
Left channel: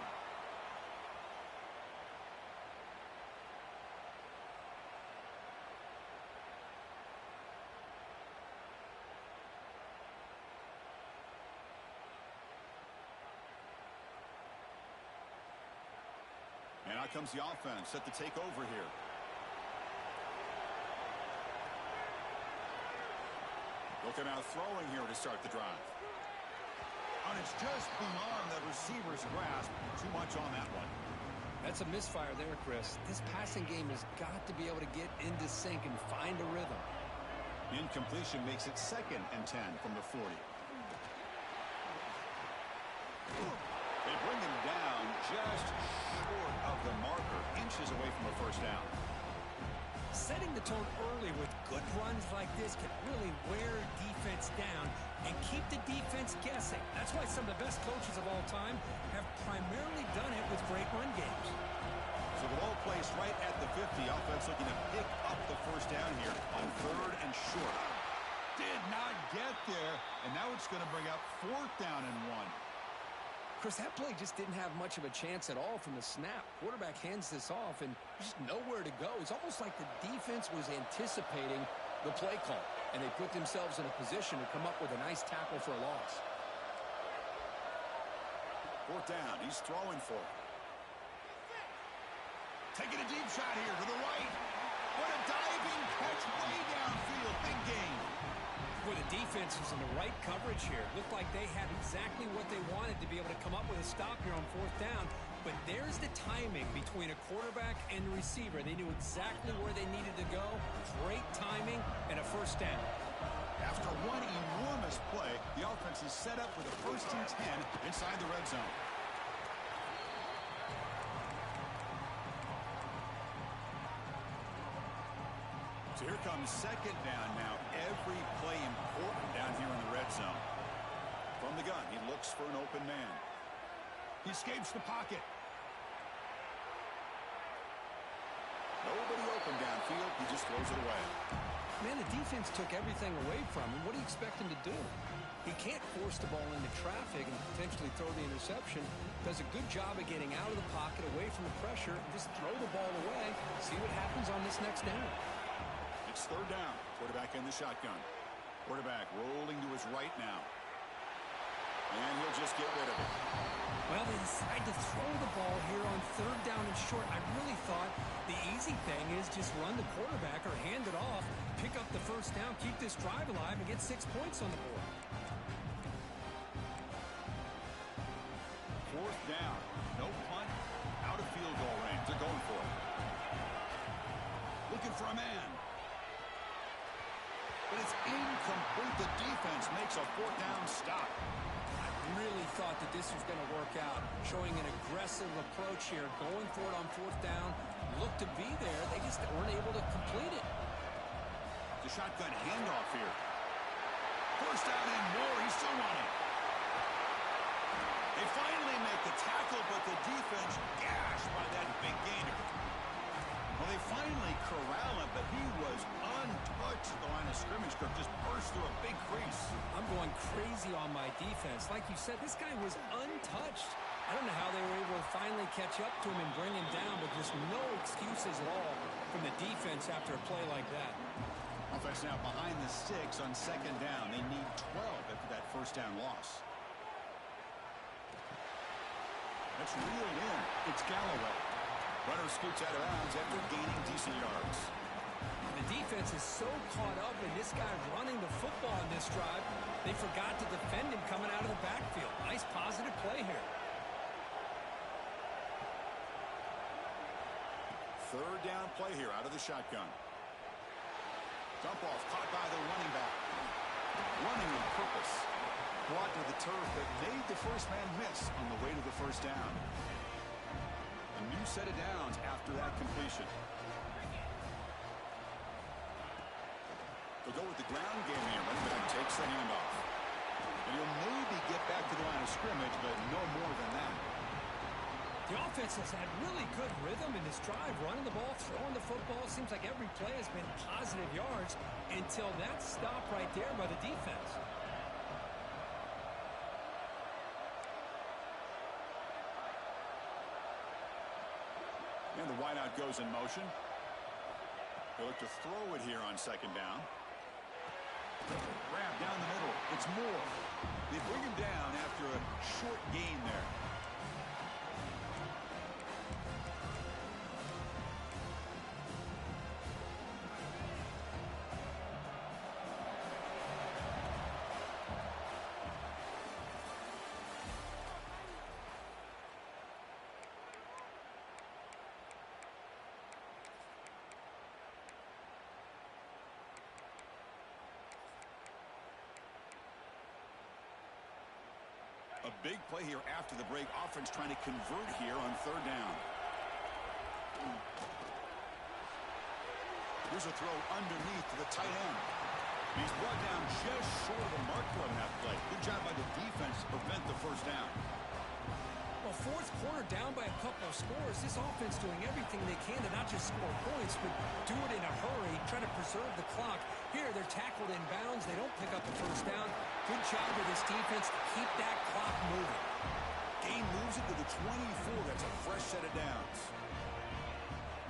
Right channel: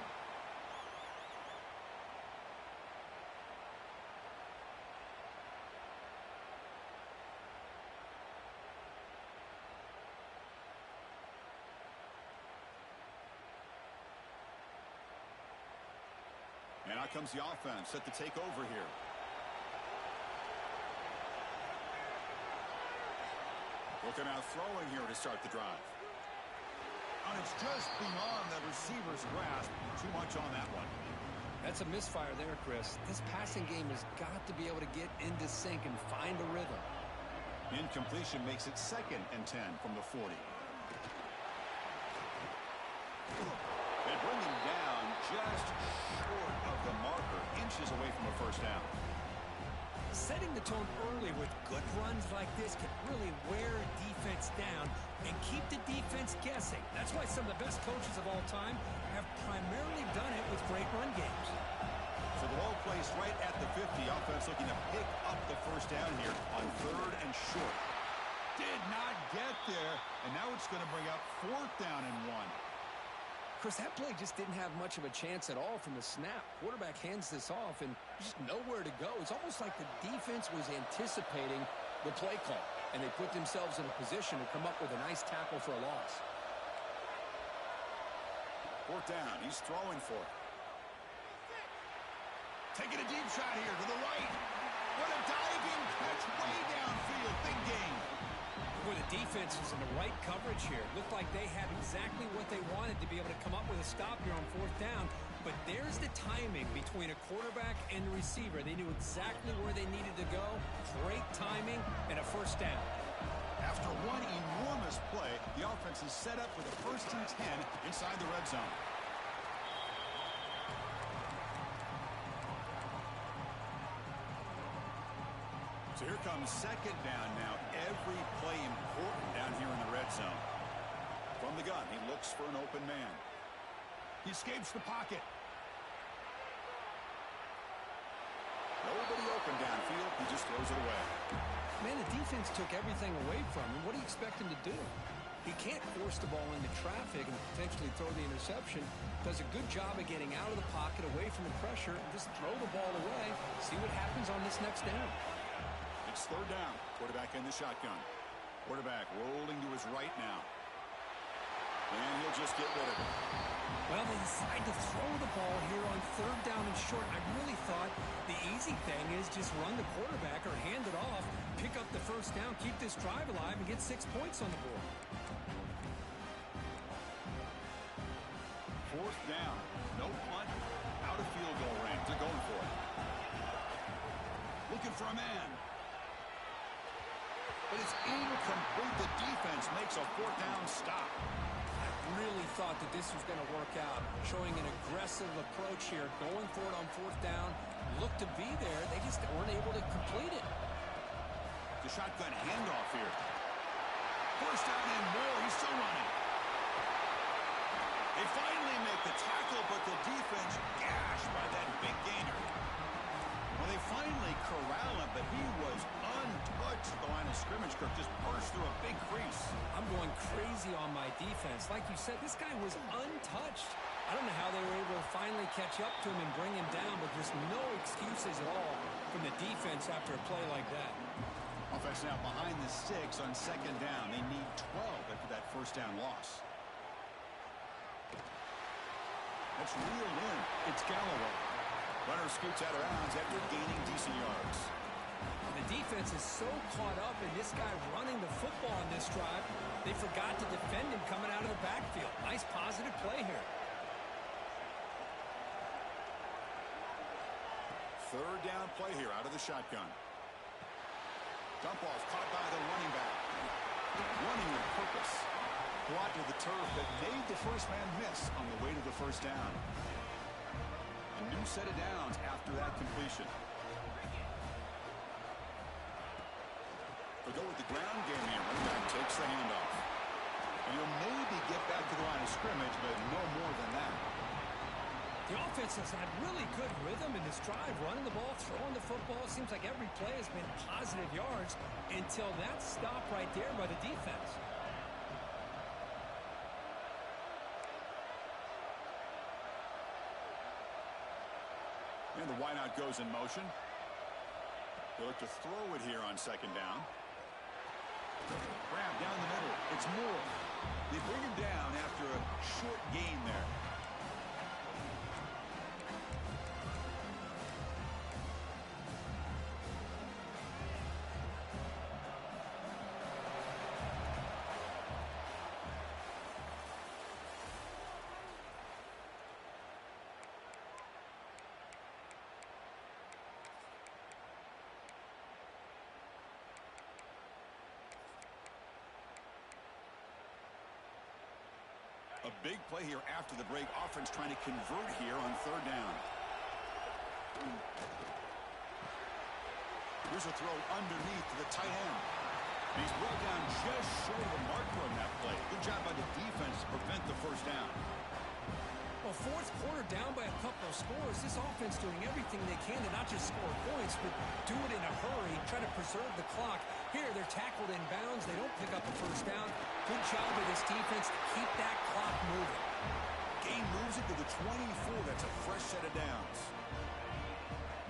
And out comes the offense, set to take over here. Looking out throwing here to start the drive. And it's just beyond the receiver's grasp. Too much on that one. That's a misfire there, Chris. This passing game has got to be able to get into sync and find a rhythm. Incompletion makes it 2nd and 10 from the 40. They bring him down just short of the marker, inches away from a first down. Setting the tone early with good runs like this can really wear defense down and keep the defense guessing. That's why some of the best coaches of all time have primarily done it with great run games. So the ball placed right at the 50. Offense looking to pick up the first down here on 3rd and short. Did not get there, and now it's going to bring up 4th down and 1. Chris, that play just didn't have much of a chance at all from the snap. Quarterback hands this off, and just nowhere to go. It's almost like the defense was anticipating the play call, and they put themselves in a position to come up with a nice tackle for a loss. 4th down. He's throwing for it. Taking a deep shot here to the right. What a diving catch way downfield. Big game. Boy, the defense was in the right coverage here. Looked like they had exactly what they wanted to be able to come up with a stop here on 4th down. But there's the timing between a quarterback and the receiver. They knew exactly where they needed to go. Great timing and a first down. After one enormous play, the offense is set up with a 1st and 10 inside the red zone. So here comes 2nd down now. Every play important down here in the red zone. From the gun, he looks for an open man. He escapes the pocket. Nobody open downfield. He just throws it away. Man, the defense took everything away from him. What do you expect him to do? He can't force the ball into traffic and potentially throw the interception. Does a good job of getting out of the pocket, away from the pressure, and just throw the ball away. See what happens on this next down. It's 3rd down. Quarterback in the shotgun. Quarterback rolling to his right now. And he'll just get rid of it. Well, they decide to throw the ball here on 3rd down and short. I really thought the easy thing is just run the quarterback or hand it off, pick up the first down, keep this drive alive, and get 6 points on the board. 4th down. No punt. Out of field goal range. They're going for it. Looking for a man. But it's incomplete. The defense makes a 4th down stop. I really thought that this was going to work out. Showing an aggressive approach here. Going for it on 4th down. Looked to be there. They just weren't able to complete it. The shotgun handoff here. 1st down and more. He's still running. They finally make the tackle, but the defense gashed by that big gainer. Well, they finally corral him, but he was untouched at the line of scrimmage. Kirk just burst through a big crease. I'm going crazy on my defense. Like you said, this guy was untouched. I don't know how they were able to finally catch up to him and bring him down, but just no excuses at all from the defense after a play like that. Offense now behind the 6 on 2nd down. They need 12 after that 1st down loss. That's reeled in. It's Galloway. Runner scoots out of bounds after gaining decent yards. The defense is so caught up in this guy running the football in this drive, they forgot to defend him coming out of the backfield. Nice positive play here. Third down play here out of the shotgun. Dump off caught by the running back. Running with purpose. Brought to the turf that made the first man miss on the way to the first down. A new set of downs after that completion. They'll go with the ground game here. Running back takes the handoff. And he'll maybe get back to the line of scrimmage, but no more than that. The offense has had really good rhythm in this drive, running the ball, throwing the football. Seems like every play has been positive yards until that stop right there by the defense. And the wideout goes in motion. They look to throw it here on second down. Grab down the middle. It's Moore. They bring him down after a short gain there. A big play here after the break. Offense trying to convert here on third down. Here's a throw underneath to the tight end. He's brought down just short of the marker on that play. Good job by the defense to prevent the first down. Well, fourth quarter down by a couple of scores. This offense doing everything they can to not just score points, but do it in a hurry, try to preserve the clock. Here, they're tackled in bounds. They don't pick up the first down. Good job of this defense to keep that clock moving. Gain moves it to the 24. That's a fresh set of downs.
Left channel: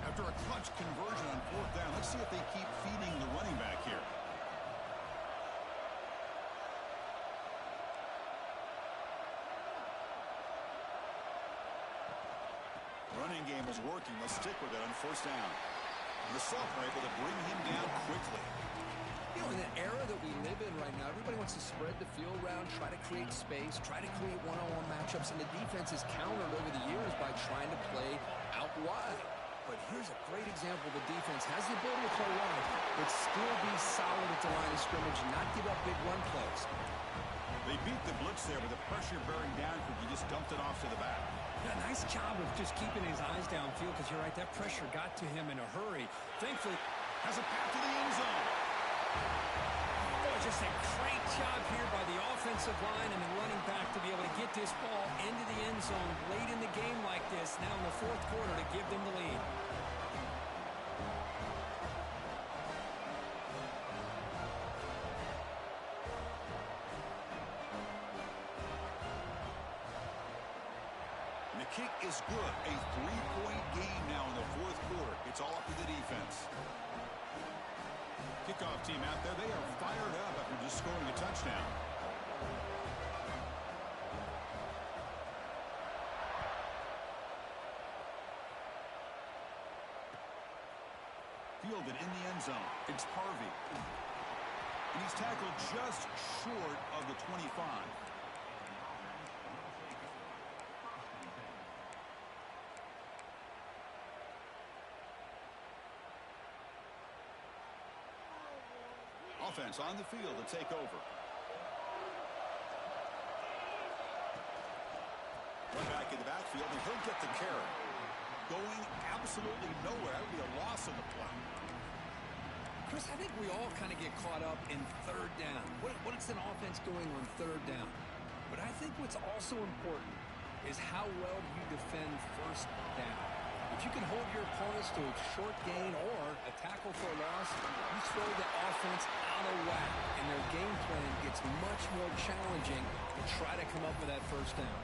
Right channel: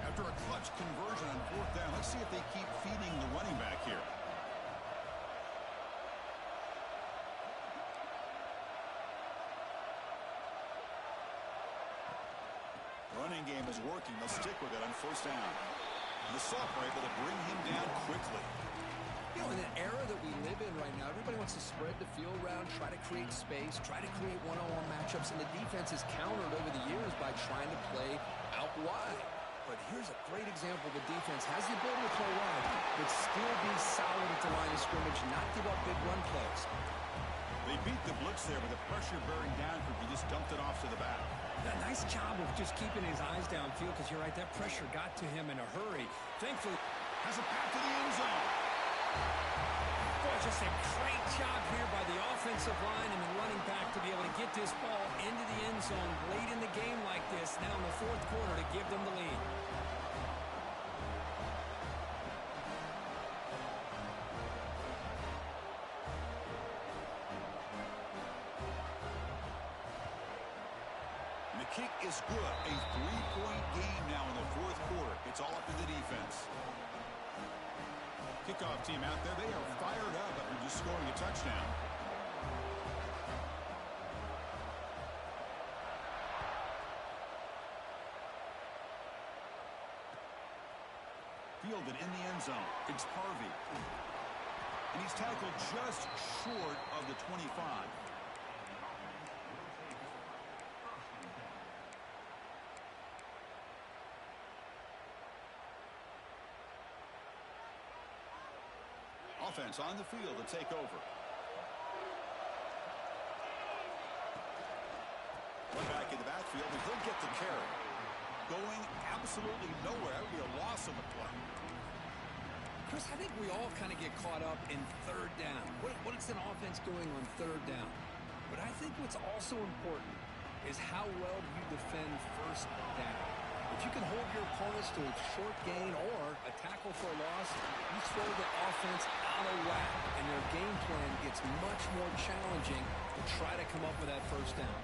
After a clutch conversion on fourth down, let's see if they keep feeding the running back here. Running game is working. They'll stick with it on first down. The sophomore able to bring him down quickly. You know, in the era that we live in right now, everybody wants to spread the field around, try to create space, try to create one-on-one matchups, and the defense has countered over the years by trying to play out wide. But here's a great example. The defense has the ability to play wide, but still be solid at the line of scrimmage, not give up big run plays. They beat the blitz there with the pressure bearing down because he just dumped it off to the back. A nice job of just keeping his eyes downfield because you're right, that pressure got to him in a hurry. Thankfully, has a path to the end zone. Boy, just a great job here by the offensive line and the running back to be able to get this ball into the end zone late in the game like this, now in the fourth quarter, to give them the lead. And the kick is good. A 3-point game now in the fourth quarter. It's all up to the defense. Kickoff team out there, they are fired up after just scoring a touchdown. Fielded in the end zone. It's Harvey. And he's tackled just short of the 25. Offense on the field to take over. One back in the backfield, and he'll get the carry. Going absolutely nowhere. That would be a loss on the play. Chris, I think we all kind of get caught up in third down. What is an offense doing on third down? But I think what's also important is how well you defend first down. If you can hold your opponents to a short gain or a tackle for a loss, you throw the offense out of whack, and their game plan gets much more challenging to try to come up with that first down.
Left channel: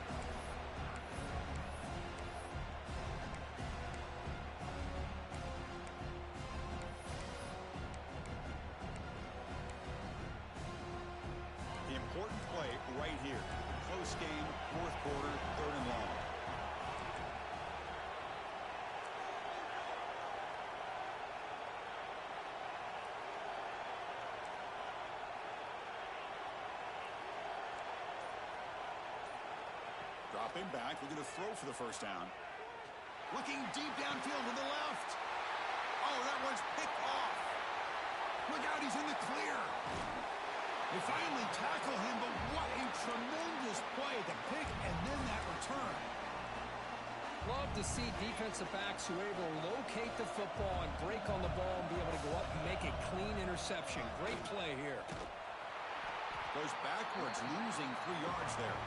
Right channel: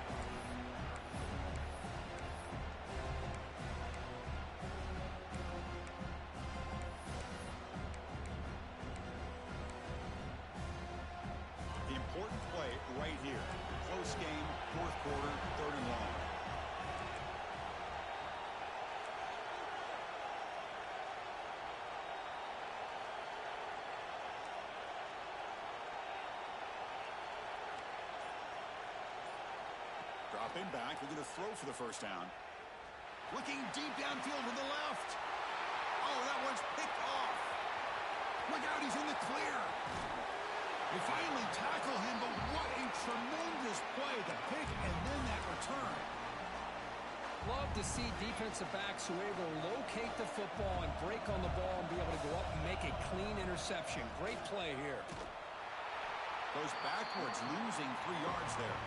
The important play right here. Close game, fourth quarter, third and long. Dropping back, looking to throw for the first down. Looking deep downfield to the left. Oh, that one's picked off. Look out, he's in the clear. They finally tackle him, but what a tremendous play. The pick and then that return. Love to see defensive backs who are able to locate the football and break on the ball and be able to go up and make a clean interception. Great play here. Goes backwards, losing 3 yards there.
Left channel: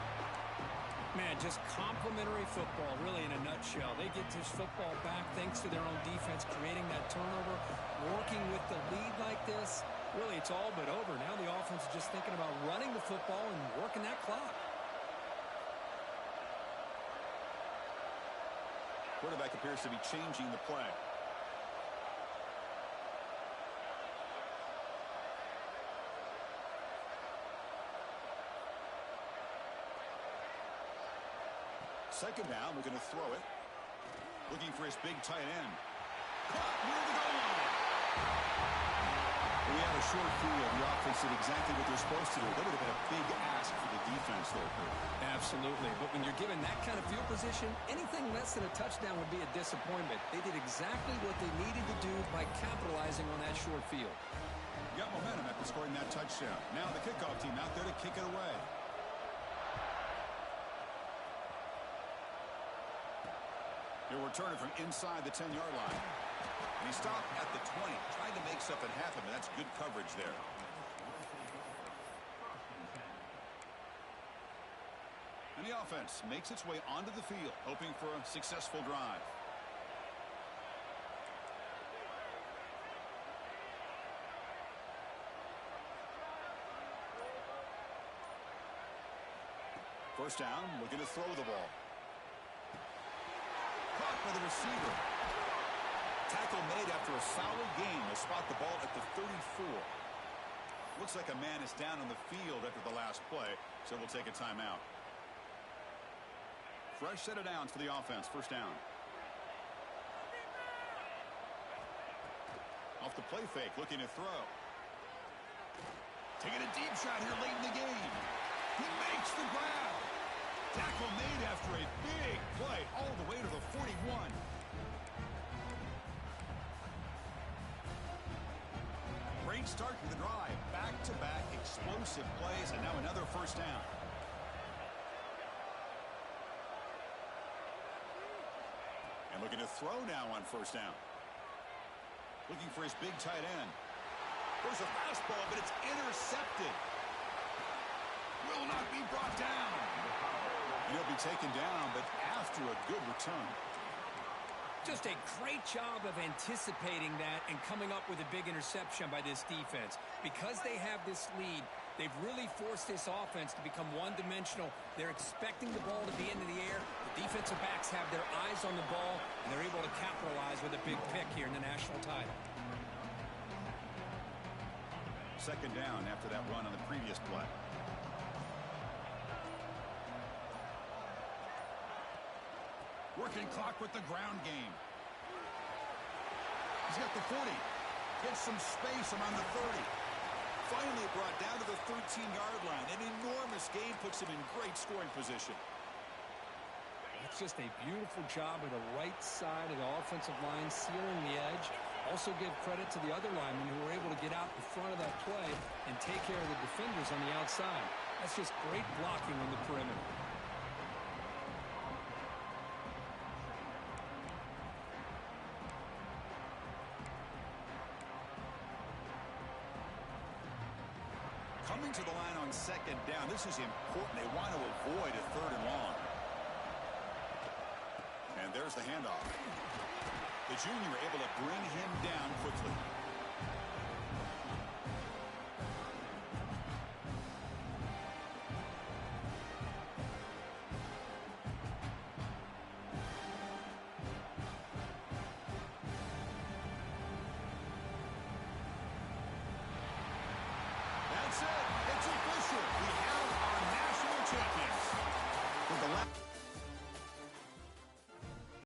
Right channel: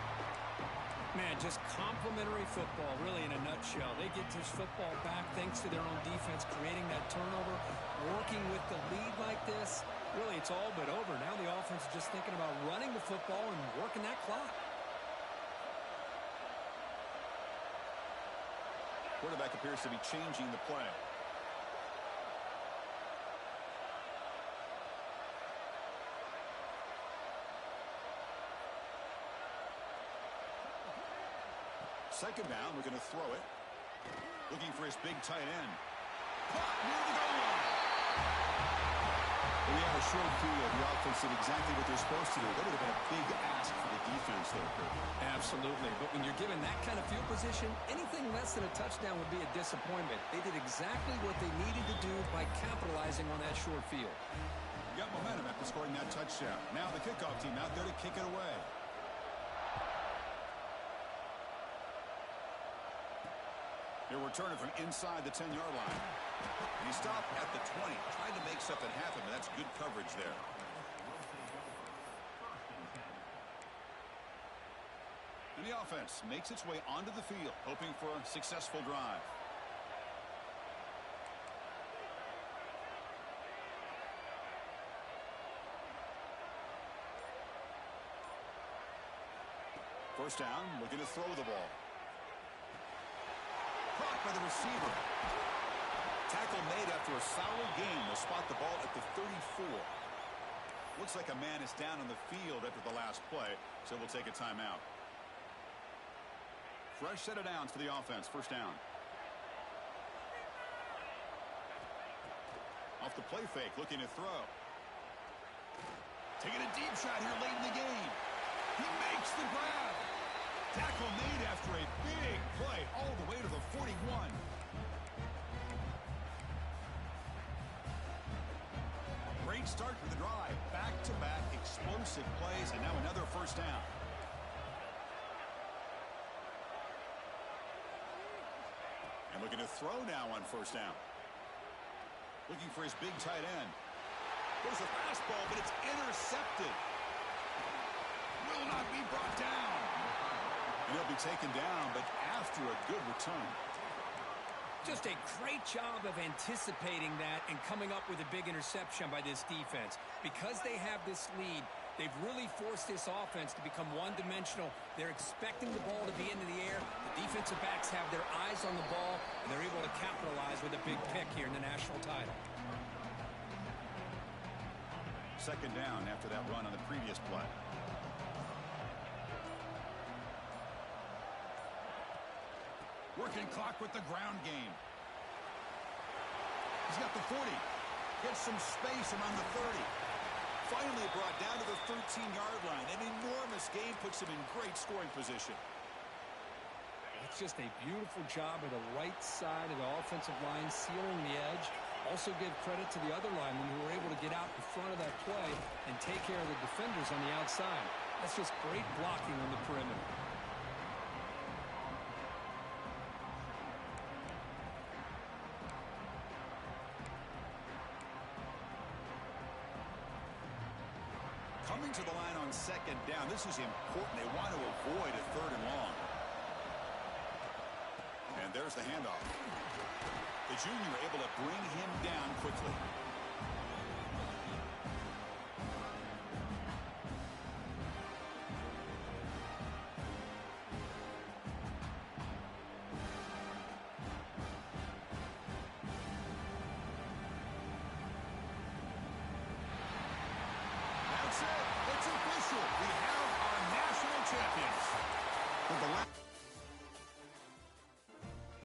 Man, just complimentary football, really, in a nutshell. They get this football back thanks to their own defense, creating that turnover, working with the lead like this. Really, it's all but over. Now the offense is just thinking about running the football and working that clock. Quarterback appears to be changing the play. Second down, we're going to throw it. Looking for his big tight end. Caught near the goal line. We had a short field. The offense did exactly what they're supposed to do. That would have been a big ask for the defense there, Kurt. Absolutely. But when you're given that kind of field position, anything less than a touchdown would be a disappointment. They did exactly what they needed to do by capitalizing on that short field. Got momentum after scoring that touchdown. Now the kickoff team out there to kick it away. He'll return it from inside the 10-yard line. And he stopped at the 20. Tried to make something happen, but that's good coverage there. And the offense makes its way onto the field, hoping for a successful drive. First down, looking to throw the ball. Caught by the receiver. Tackle made after a solid game. They'll spot the ball at the 34. Looks like a man is down on the field after the last play, so we'll take a timeout. Fresh set of downs for the offense. First down. Off the play fake, looking to throw. Taking a deep shot here late in the game. He makes the grab. Tackle made after a big play all the way to the 41. Great start to the drive. Back-to-back explosive plays, and now another first down. And looking to throw now on first down. Looking for his big tight end. There's a fastball, but it's intercepted. Will not be brought down. And he'll be taken down, but after a good return. Just a great job of anticipating that and coming up with a big interception by this defense. Because they have this lead, they've really forced this offense to become one-dimensional. They're expecting the ball to be into the air. The defensive backs have their eyes on the ball, and they're able to capitalize with a big pick here in the national title. Second down after that run on the previous play. Working clock with the ground game. He's got the 40. Gets some space around the 30. Finally brought down to the 13-yard line. An enormous gain puts him in great scoring position. It's just a beautiful job of the right side of the offensive line, sealing the edge. Also give credit to the other linemen who were able to get out in front of that play and take care of the defenders on the outside. That's just great blocking on the perimeter. Coming to the line on second down. This is important. They want to avoid a third and long. And there's the handoff. The junior able to bring him down quickly. That's it. It's official. We have our national champions. With the last